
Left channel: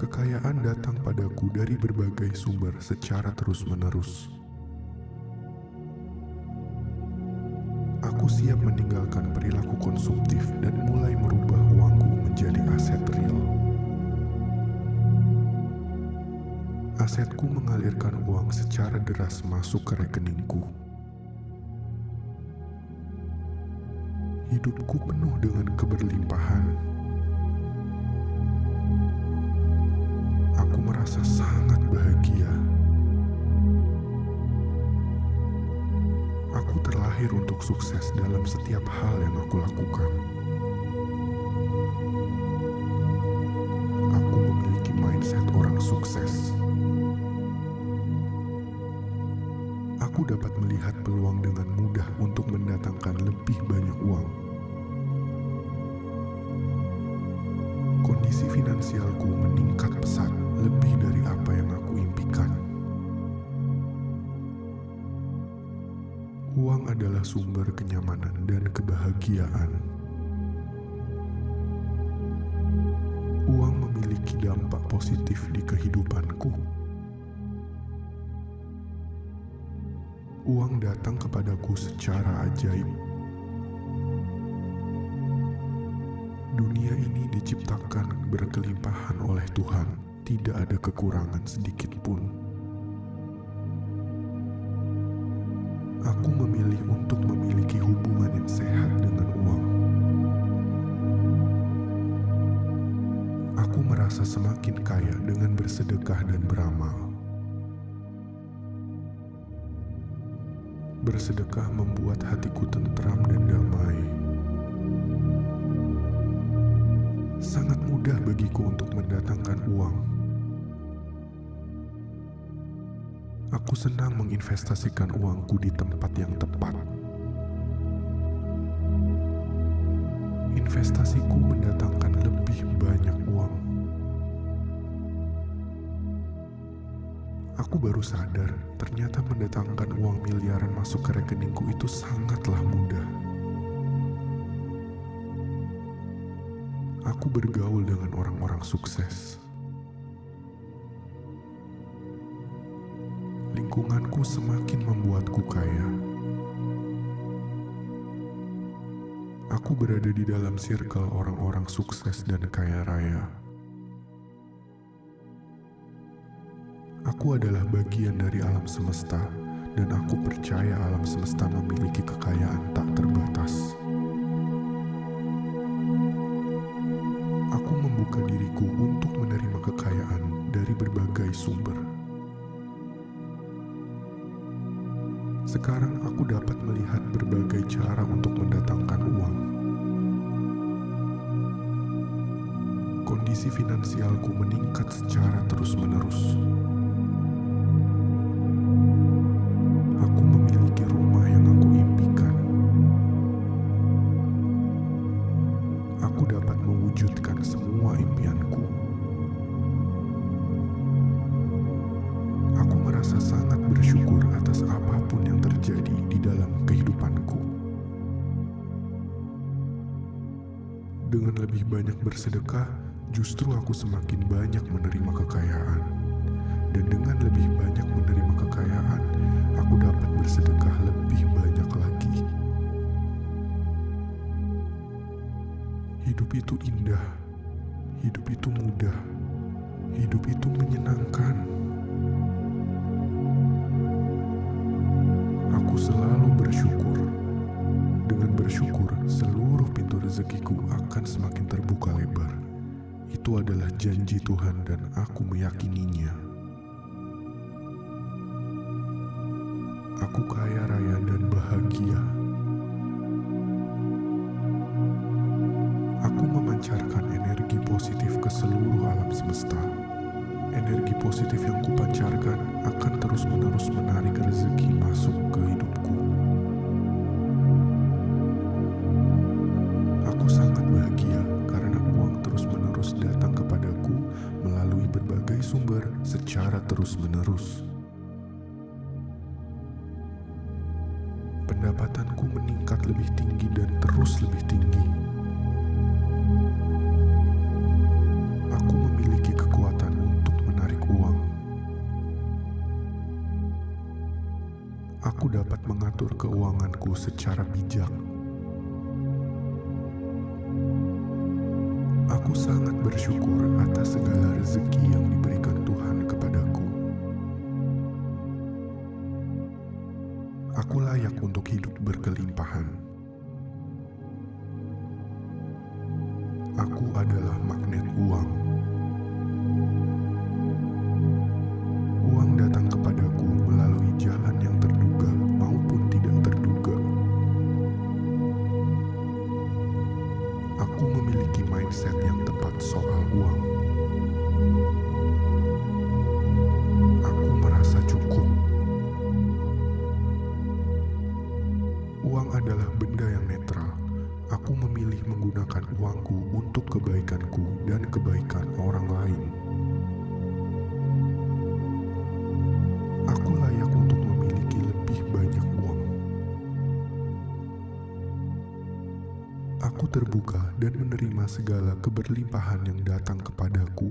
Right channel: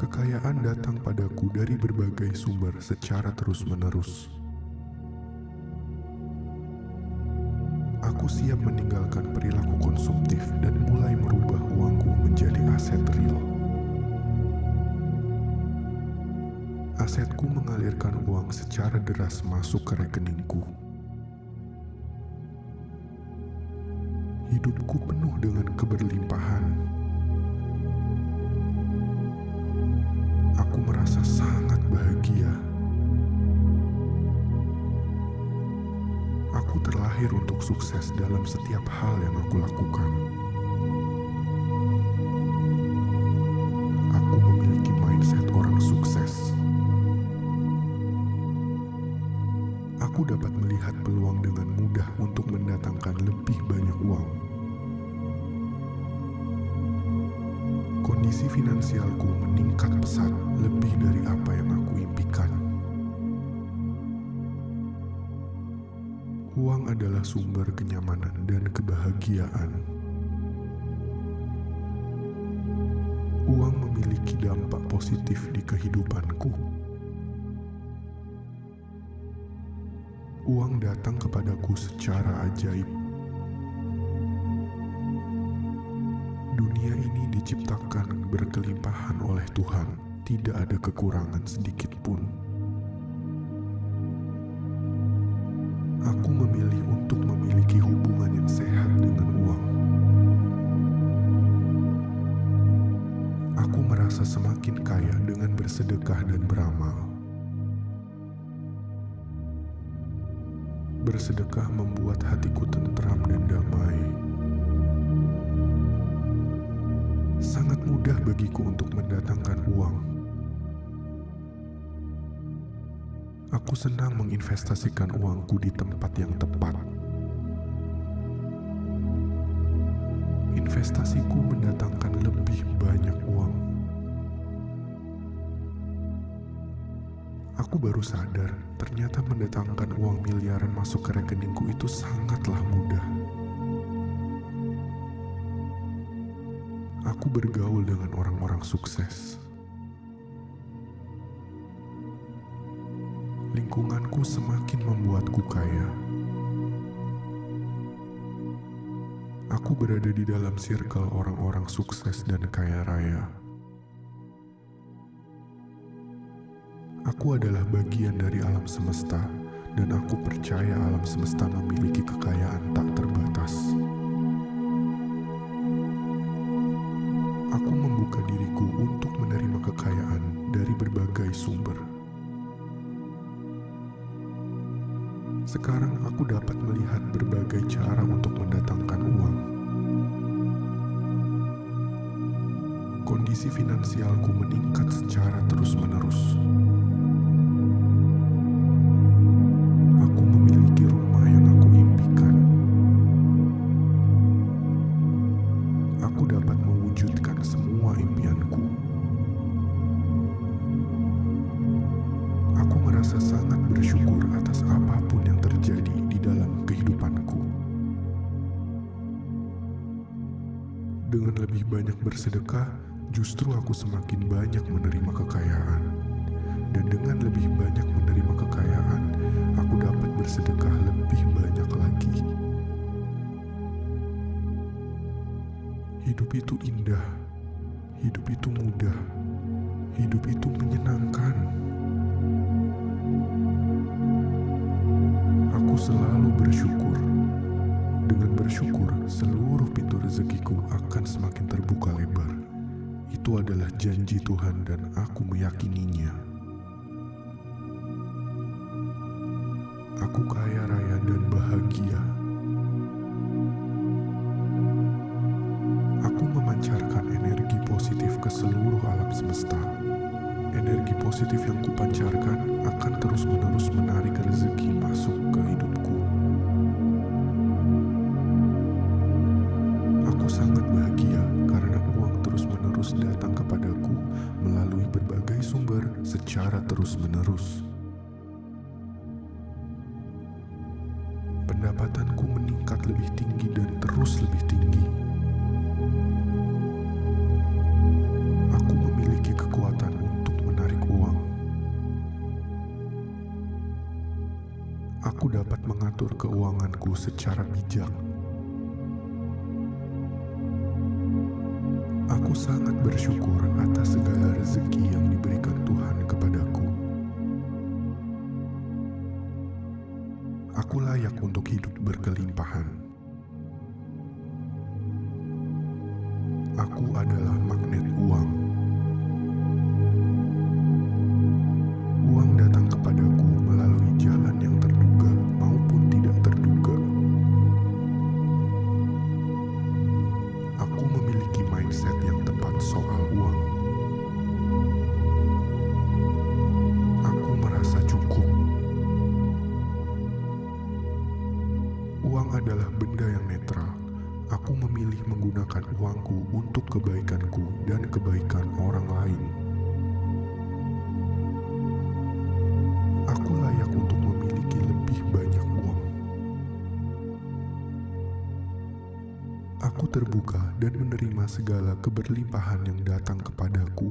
Kekayaan datang padaku dari berbagai sumber secara terus-menerus. Aku siap meninggalkan perilaku konsumtif dan mulai merubah uangku menjadi aset real. Asetku mengalirkan uang secara deras masuk ke rekeningku. Hidupku penuh dengan keberlimpahan. Aku merasa sangat bahagia. Aku terlahir untuk sukses dalam setiap hal yang aku lakukan. Aku memiliki mindset orang sukses. Aku dapat melihat peluang dengan mudah untuk mendatangkan lebih banyak uang. Kondisi finansialku meningkat pesat, lebih dari apa yang aku impikan. Uang adalah sumber kenyamanan dan kebahagiaan. Uang memiliki dampak positif di kehidupanku. Uang datang kepadaku secara ajaib. Dunia ini diciptakan berkelimpahan oleh Tuhan, tidak ada kekurangan sedikit pun. Aku memilih untuk memiliki hubungan yang sehat dengan uang. Aku merasa semakin kaya dengan bersedekah dan beramal. Bersedekah membuat hatiku tentram dan damai. Sangat mudah bagiku untuk mendatangkan uang. Aku senang menginvestasikan uangku di tempat yang tepat. Investasiku mendatangkan lebih banyak uang. Aku baru sadar, ternyata mendatangkan uang miliaran masuk ke rekeningku itu sangatlah mudah. Aku bergaul dengan orang-orang sukses. Lingkunganku semakin membuatku kaya. Aku berada di dalam circle orang-orang sukses dan kaya raya. Aku adalah bagian dari alam semesta, dan aku percaya alam semesta memiliki kekayaan tak terbatas. Aku membuka diriku untuk menerima kekayaan dari berbagai sumber. Sekarang aku dapat melihat berbagai cara untuk mendatangkan uang. Kondisi finansialku meningkat secara terus-menerus. Aku memiliki rumah yang aku impikan. Aku dapat mewujudkan semua impianku. Aku merasa sangat bersyukur atas apapun yang terjadi di dalam kehidupanku. Dengan lebih banyak bersedekah, justru aku semakin banyak menerima kekayaan. Dan dengan lebih banyak menerima kekayaan, aku dapat bersedekah lebih banyak lagi. Hidup itu indah, hidup itu mudah, hidup itu menyenangkan. Aku selalu bersyukur. Dengan bersyukur, seluruh pintu rezekiku akan semakin terbuka lebar. Itu adalah janji Tuhan dan aku meyakininya. Aku kaya raya dan bahagia. Aku memancarkan energi positif ke seluruh alam semesta. Energi positif yang kupancarkan akan terus-menerus menarik rezeki masuk ke hidupku. Aku sangat bahagia karena uang terus-menerus datang kepadaku melalui berbagai sumber secara terus-menerus. Pendapatanku meningkat lebih tinggi dan terus lebih tinggi. Aku memiliki kekuatan untuk menarik uang. Aku dapat mengatur keuanganku secara bijak. Aku sangat bersyukur atas segala rezeki yang diberikan Tuhan kepadaku. Aku layak untuk hidup berkelimpahan. Aku adalah magnet uang. Uang datang kepadaku melalui jalan yang terduga maupun tidak terduga. Aku memiliki mindset yang tepat soal uang. Aku merasa cukup. Uang adalah benda yang netral. Aku memilih menggunakan uangku untuk kebaikanku dan kebaikan orang lain. Aku layak untuk memiliki lebih banyak uang. Aku terbuka dan menerima segala keberlimpahan yang datang kepadaku.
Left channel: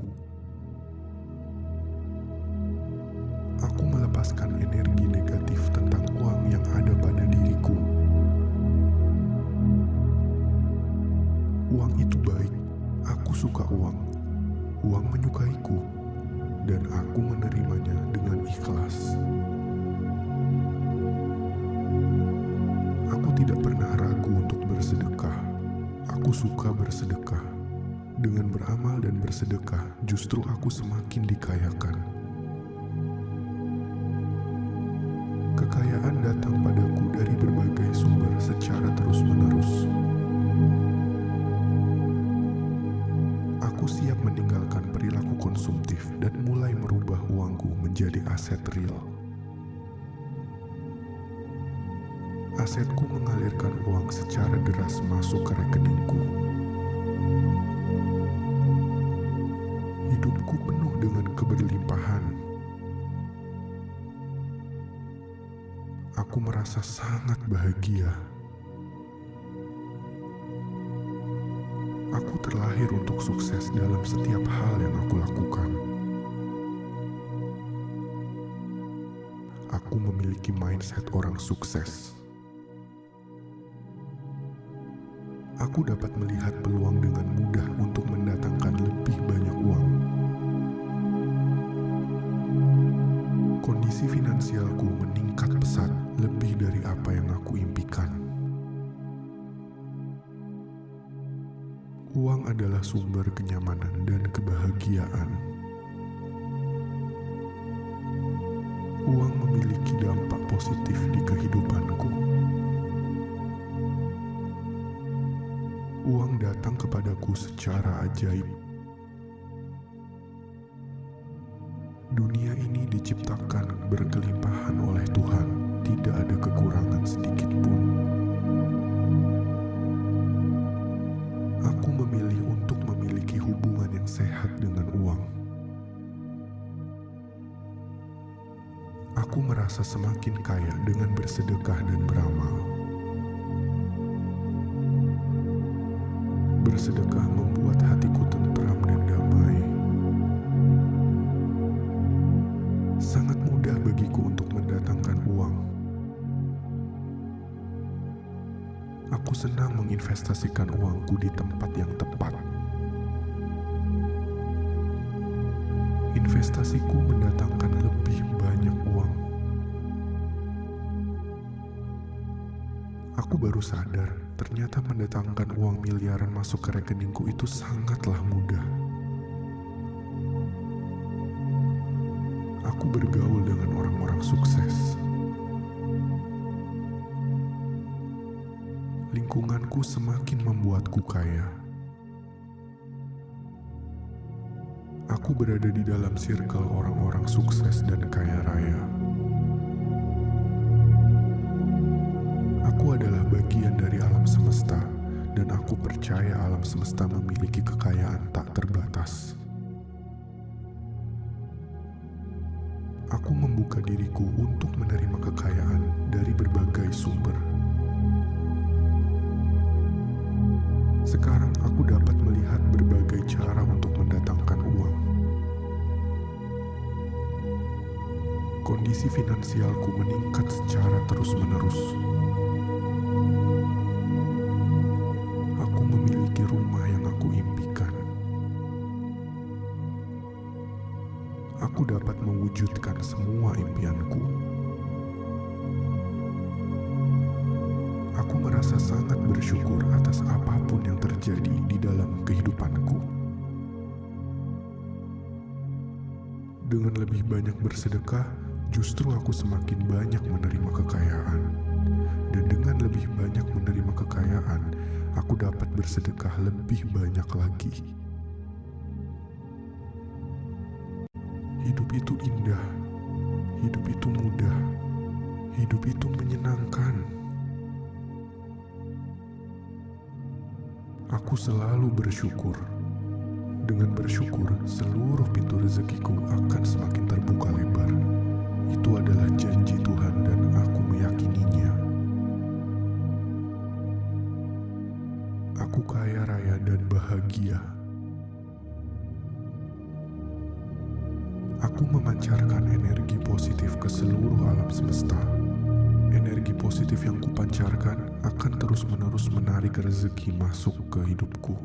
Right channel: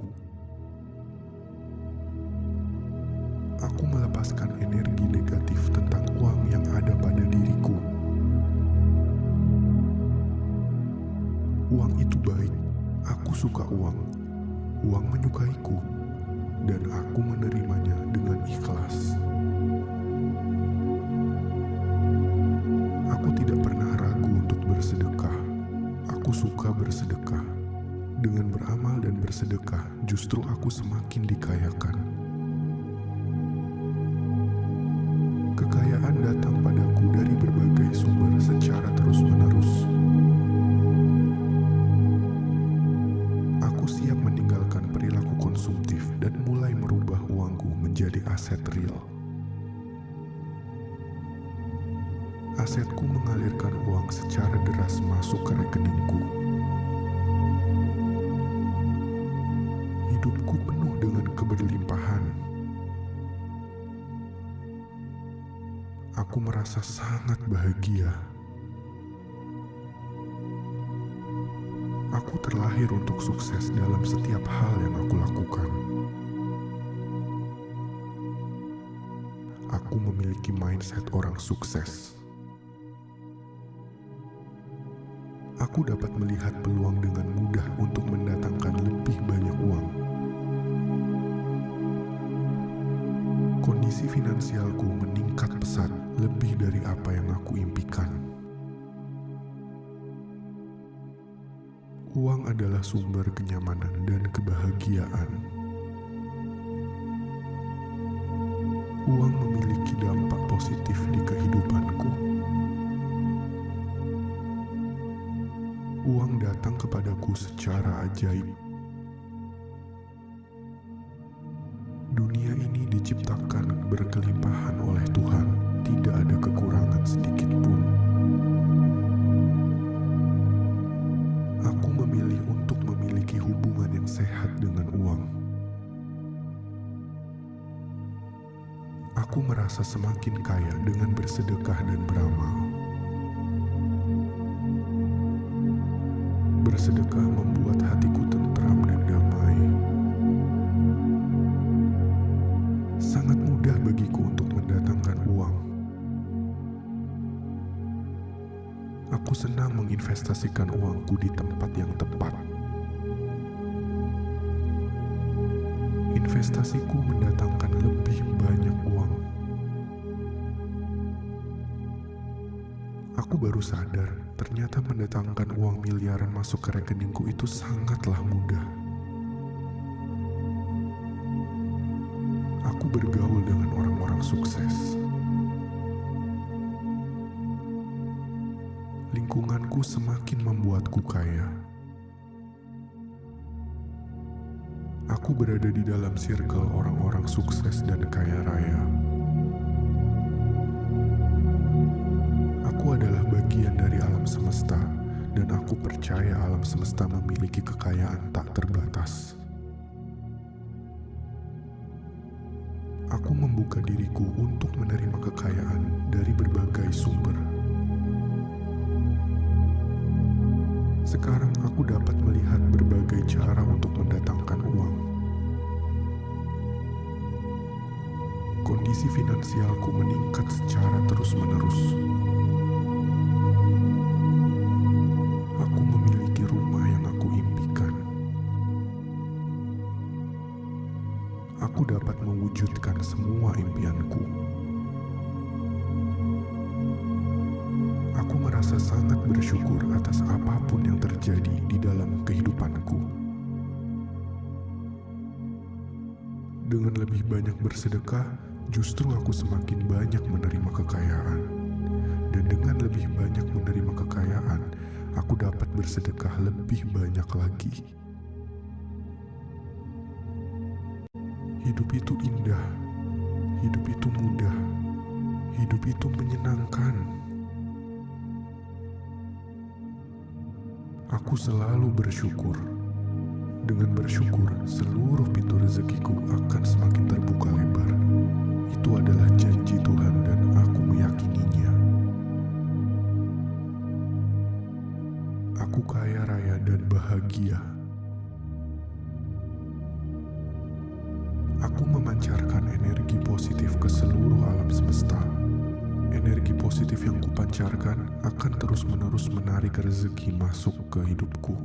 Aku melepaskan energi negatif tentang uang yang ada pada diriku. Uang itu baik, aku suka uang. Uang menyukaiku, dan aku menerimanya dengan ikhlas. Aku tidak pernah ragu untuk bersedekah. Aku suka bersedekah. Dengan beramal dan bersedekah, justru aku semakin dikayakan. Kekayaan datang padaku dari berbagai sumber secara terus-menerus. Aku siap meninggalkan perilaku konsumtif dan mulai merubah uangku menjadi aset real. Asetku mengalirkan uang secara deras masuk ke rekeningku. Hidupku penuh dengan keberlimpahan. Aku merasa sangat bahagia. Aku terlahir untuk sukses dalam setiap hal yang aku lakukan. Aku memiliki mindset orang sukses. Aku dapat melihat peluang dengan mudah untuk mendatangkan lebih banyak uang. Kondisi finansialku meningkat pesat lebih dari apa yang aku impikan. Uang adalah sumber kenyamanan dan kebahagiaan. Uang memiliki dampak positif di kehidupanku. Uang datang kepadaku secara ajaib. Dunia ini diciptakan berkelimpahan oleh Tuhan, tidak ada kekurangan sedikit pun. Aku memilih untuk memiliki hubungan yang sehat dengan uang. Aku merasa semakin kaya dengan bersedekah dan beramal. Bersedekah membuat hatiku tentram dan damai. Sangat mudah bagiku untuk mendatangkan uang. Aku senang menginvestasikan uangku di tempat yang tepat. Investasiku mendatangkan lebih banyak uang. Aku baru sadar, ternyata mendatangkan uang miliaran masuk ke rekeningku itu sangatlah mudah. Aku bergaul dengan orang-orang sukses. Lingkunganku semakin membuatku kaya. Aku berada di dalam circle orang-orang sukses dan kaya raya. Aku adalah bagian dari alam semesta, dan aku percaya alam semesta memiliki kekayaan tak terbatas. Aku membuka diriku untuk menerima kekayaan dari berbagai sumber. Sekarang aku dapat melihat berbagai cara untuk mendatangkan uang. Kondisi finansialku meningkat secara terus-menerus. Aku memiliki rumah yang aku impikan. Aku dapat mewujudkan semua impianku. Aku merasa sangat bersyukur atas apapun yang terjadi di dalam kehidupanku. Dengan lebih banyak bersedekah, justru aku semakin banyak menerima kekayaan. Dan dengan lebih banyak menerima kekayaan, aku dapat bersedekah lebih banyak lagi. Hidup itu indah, hidup itu mudah, hidup itu menyenangkan. Aku selalu bersyukur. Dengan bersyukur, seluruh pintu rezekiku akan semakin terbuka lebar. Itu adalah janji Tuhan dan aku meyakininya. Aku kaya raya dan bahagia. Aku memancarkan energi positif ke seluruh alam semesta. Energi positif yang kupancarkan akan terus-menerus menarik rezeki masuk ke hidupku.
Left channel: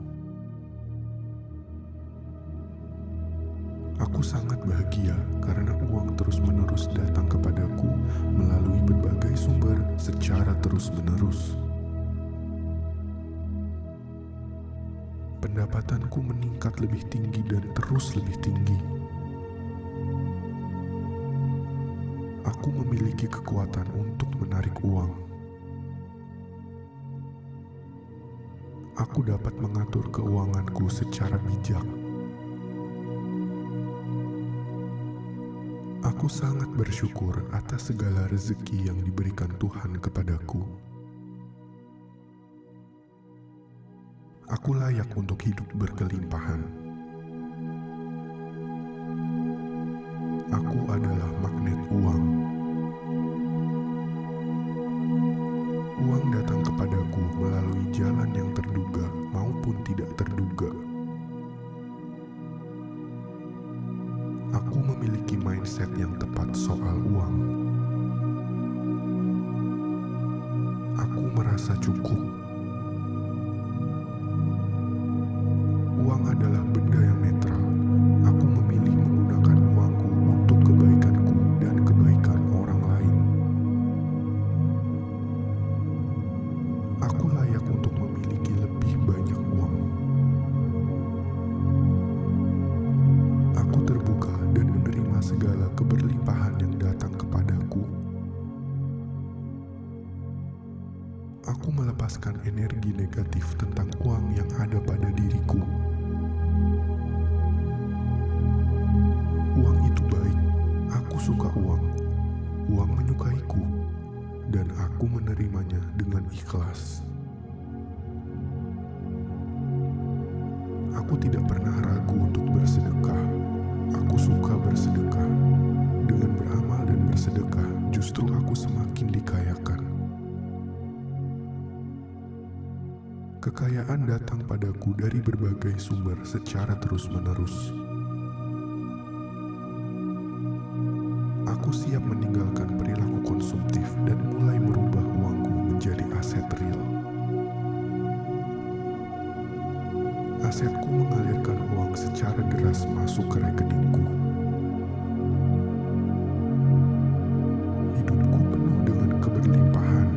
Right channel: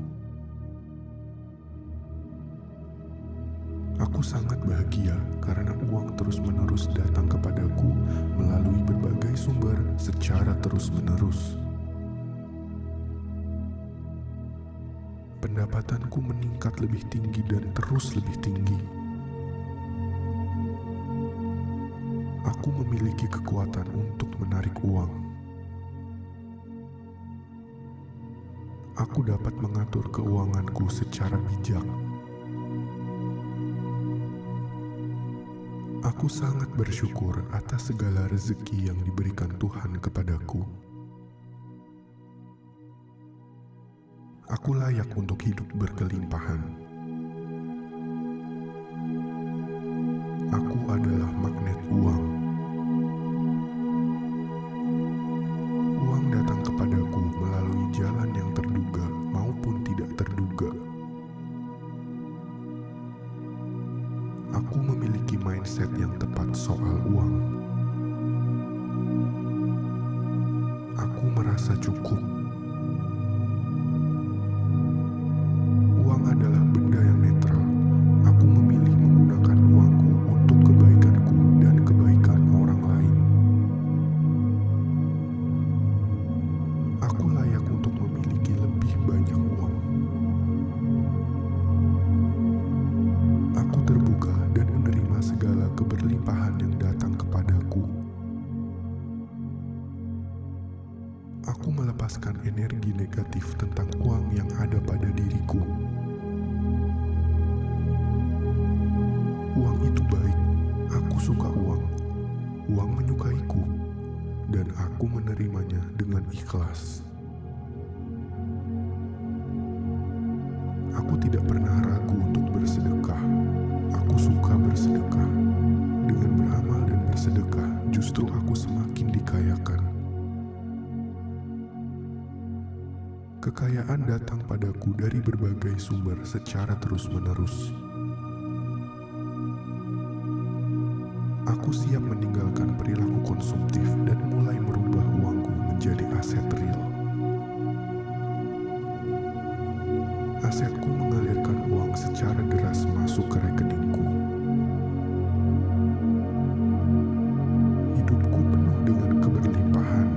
Aku sangat bahagia karena uang terus-menerus datang kepadaku melalui berbagai sumber secara terus-menerus. Pendapatanku meningkat lebih tinggi dan terus lebih tinggi. Aku memiliki kekuatan untuk menarik uang. Aku dapat mengatur keuanganku secara bijak. Aku sangat bersyukur atas segala rezeki yang diberikan Tuhan kepadaku. Aku layak untuk hidup berkelimpahan. Aku adalah magnet uang. Uang datang kepadaku melalui jalan yang terduga maupun tidak terduga. Aku memiliki mindset yang tepat soal uang. Aku merasa cukup. Uang adalah benda yang netral. Aku memilih menggunakan uangku untuk kebaikanku dan kebaikan orang lain. Aku layak untuk memiliki lebih banyak uang. Aku terbuka dan menerima segala keberlimpahan yang datang kepadaku. Aku melepaskan energi negatif tentang uang yang ada pada diriku. Uang itu baik, aku suka uang. Uang menyukaiku, dan aku menerimanya dengan ikhlas. Aku tidak pernah ragu untuk bersedekah. Aku suka bersedekah. Dengan beramal dan bersedekah, justru aku semakin dikayakan. Kekayaan datang padaku dari berbagai sumber secara terus-menerus. Aku siap meninggalkan perilaku konsumtif dan mulai merubah uangku menjadi aset real. Asetku mengalirkan uang secara deras masuk ke rekeningku. Hidupku penuh dengan keberlimpahan.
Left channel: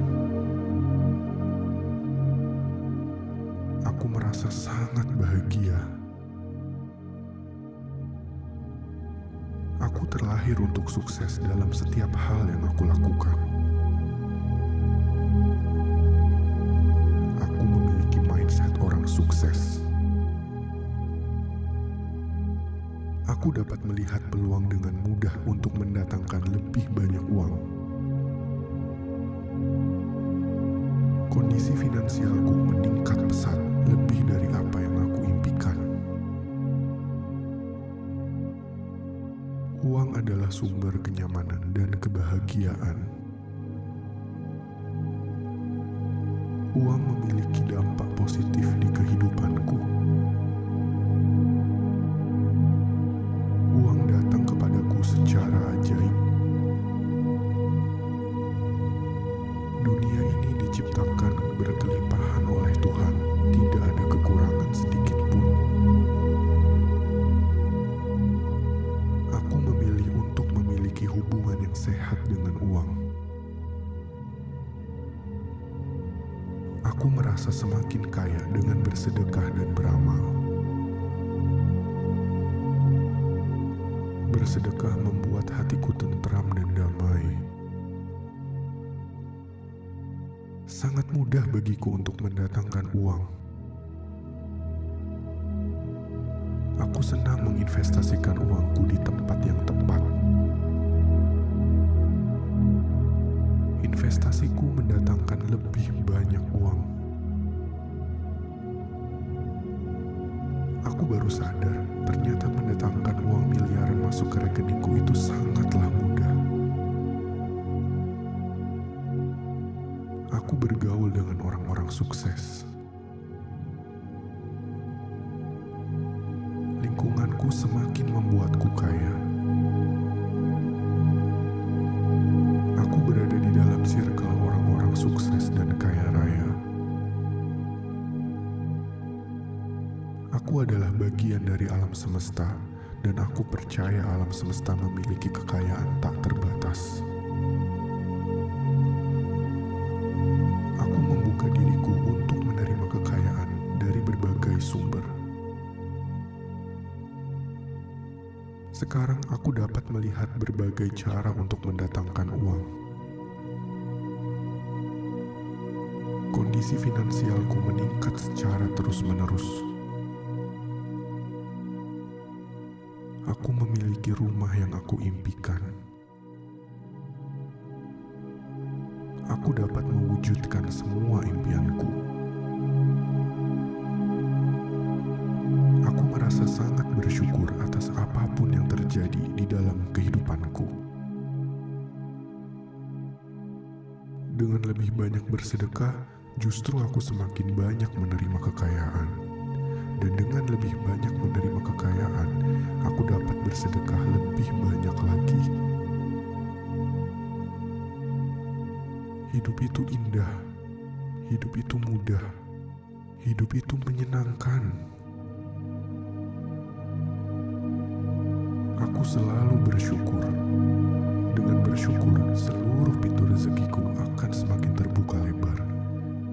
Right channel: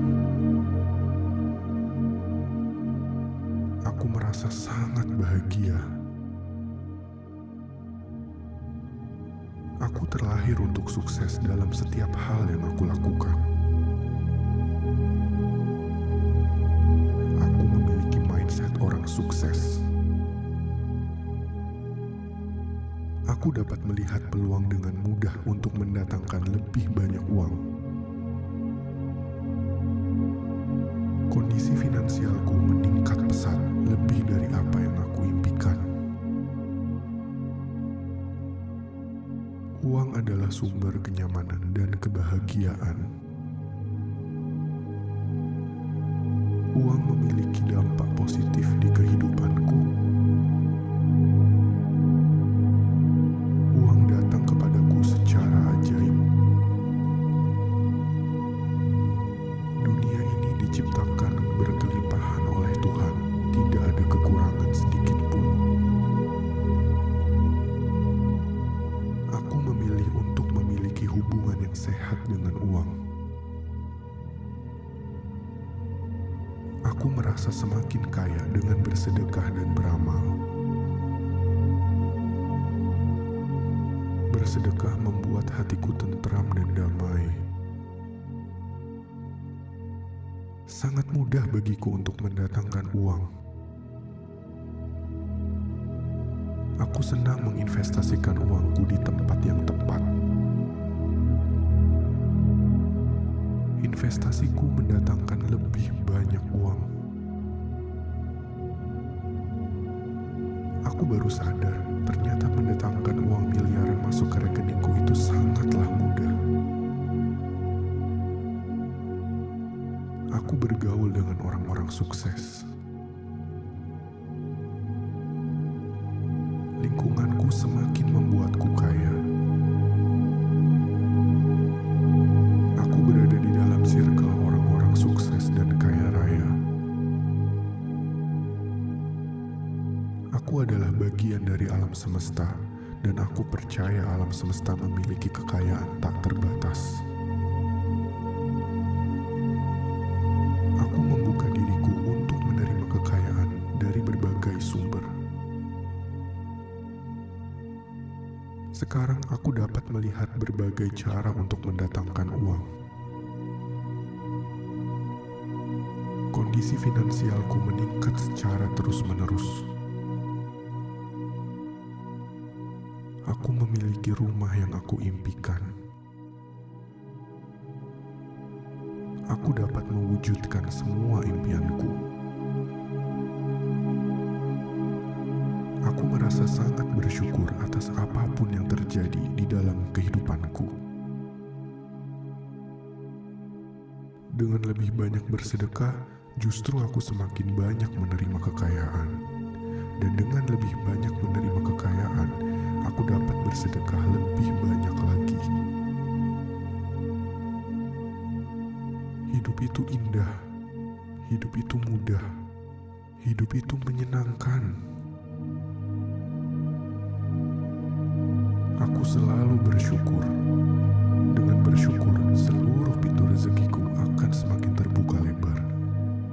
Aku merasa sangat bahagia. Aku terlahir untuk sukses dalam setiap hal yang aku lakukan. Aku memiliki mindset orang sukses. Aku dapat melihat peluang dengan mudah untuk mendatangkan lebih banyak uang. Kondisi finansialku meningkat pesat lebih dari apa yang aku impikan. Uang adalah sumber kenyamanan dan kebahagiaan. Uang memiliki dampak positif di kehidupanku. Uang datang kepadaku secara ajaib. Dunia ini diciptakan berkelimpahan oleh Tuhan, tidak ada kekurangan sedikit pun. Aku memilih untuk memiliki hubungan yang sehat dengan uang. Aku merasa semakin kaya dengan bersedekah dan beramal. Bersedekah membuat hatiku tentram dan damai. Sangat mudah bagiku untuk mendatangkan uang. Aku senang menginvestasikan uangku di tempat yang tepat. Investasiku mendatangkan lebih banyak uang. Aku baru sadar, ternyata mendatangkan uang miliaran masuk ke rekeningku itu sangatlah mudah. Aku bergaul dengan orang-orang sukses. Lingkunganku semakin membuatku kaya. Aku berada di dalam circle orang-orang sukses dan kaya raya. Aku adalah bagian dari alam semesta, dan aku percaya alam semesta memiliki kekayaan tak terbatas. Aku membuka diriku untuk menerima kekayaan dari berbagai sumber. Sekarang aku dapat melihat berbagai cara untuk mendatangkan uang. Kondisi finansialku meningkat secara terus-menerus. Aku memiliki rumah yang aku impikan. Aku dapat mewujudkan semua impianku. Aku merasa sangat bersyukur atas apapun yang terjadi di dalam kehidupanku. Dengan lebih banyak bersedekah, justru aku semakin banyak menerima kekayaan. Dan dengan lebih banyak menerima kekayaan, aku dapat bersedekah lebih banyak lagi. Hidup itu indah, hidup itu mudah, hidup itu menyenangkan. Aku selalu bersyukur. Dengan bersyukur, seluruh pintu rezekiku akan semakin terbuka lebar.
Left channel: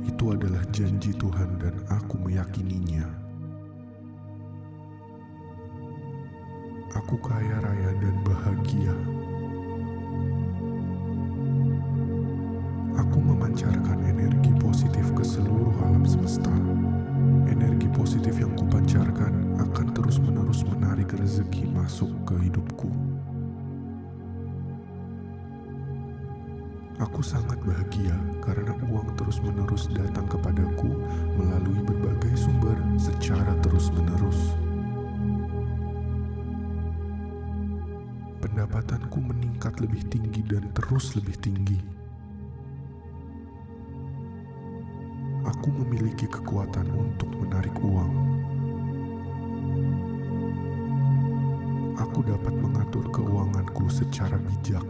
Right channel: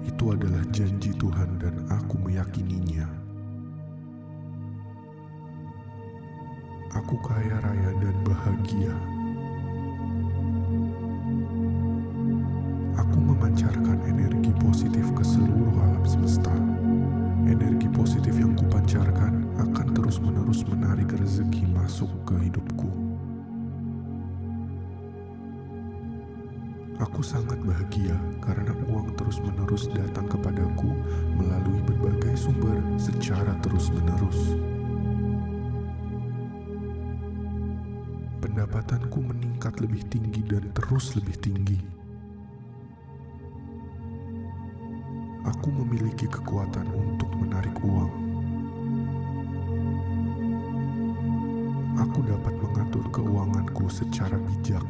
Itu adalah janji Tuhan dan aku meyakininya. Aku kaya raya dan bahagia. Aku memancarkan energi positif ke seluruh alam semesta. Energi positif yang kupancarkan akan terus-menerus menarik rezeki masuk ke hidupku. Aku sangat bahagia karena uang terus-menerus datang kepadaku melalui berbagai sumber secara terus-menerus. Pendapatanku meningkat lebih tinggi dan terus lebih tinggi. Aku memiliki kekuatan untuk menarik uang. Aku dapat mengatur keuanganku secara bijak.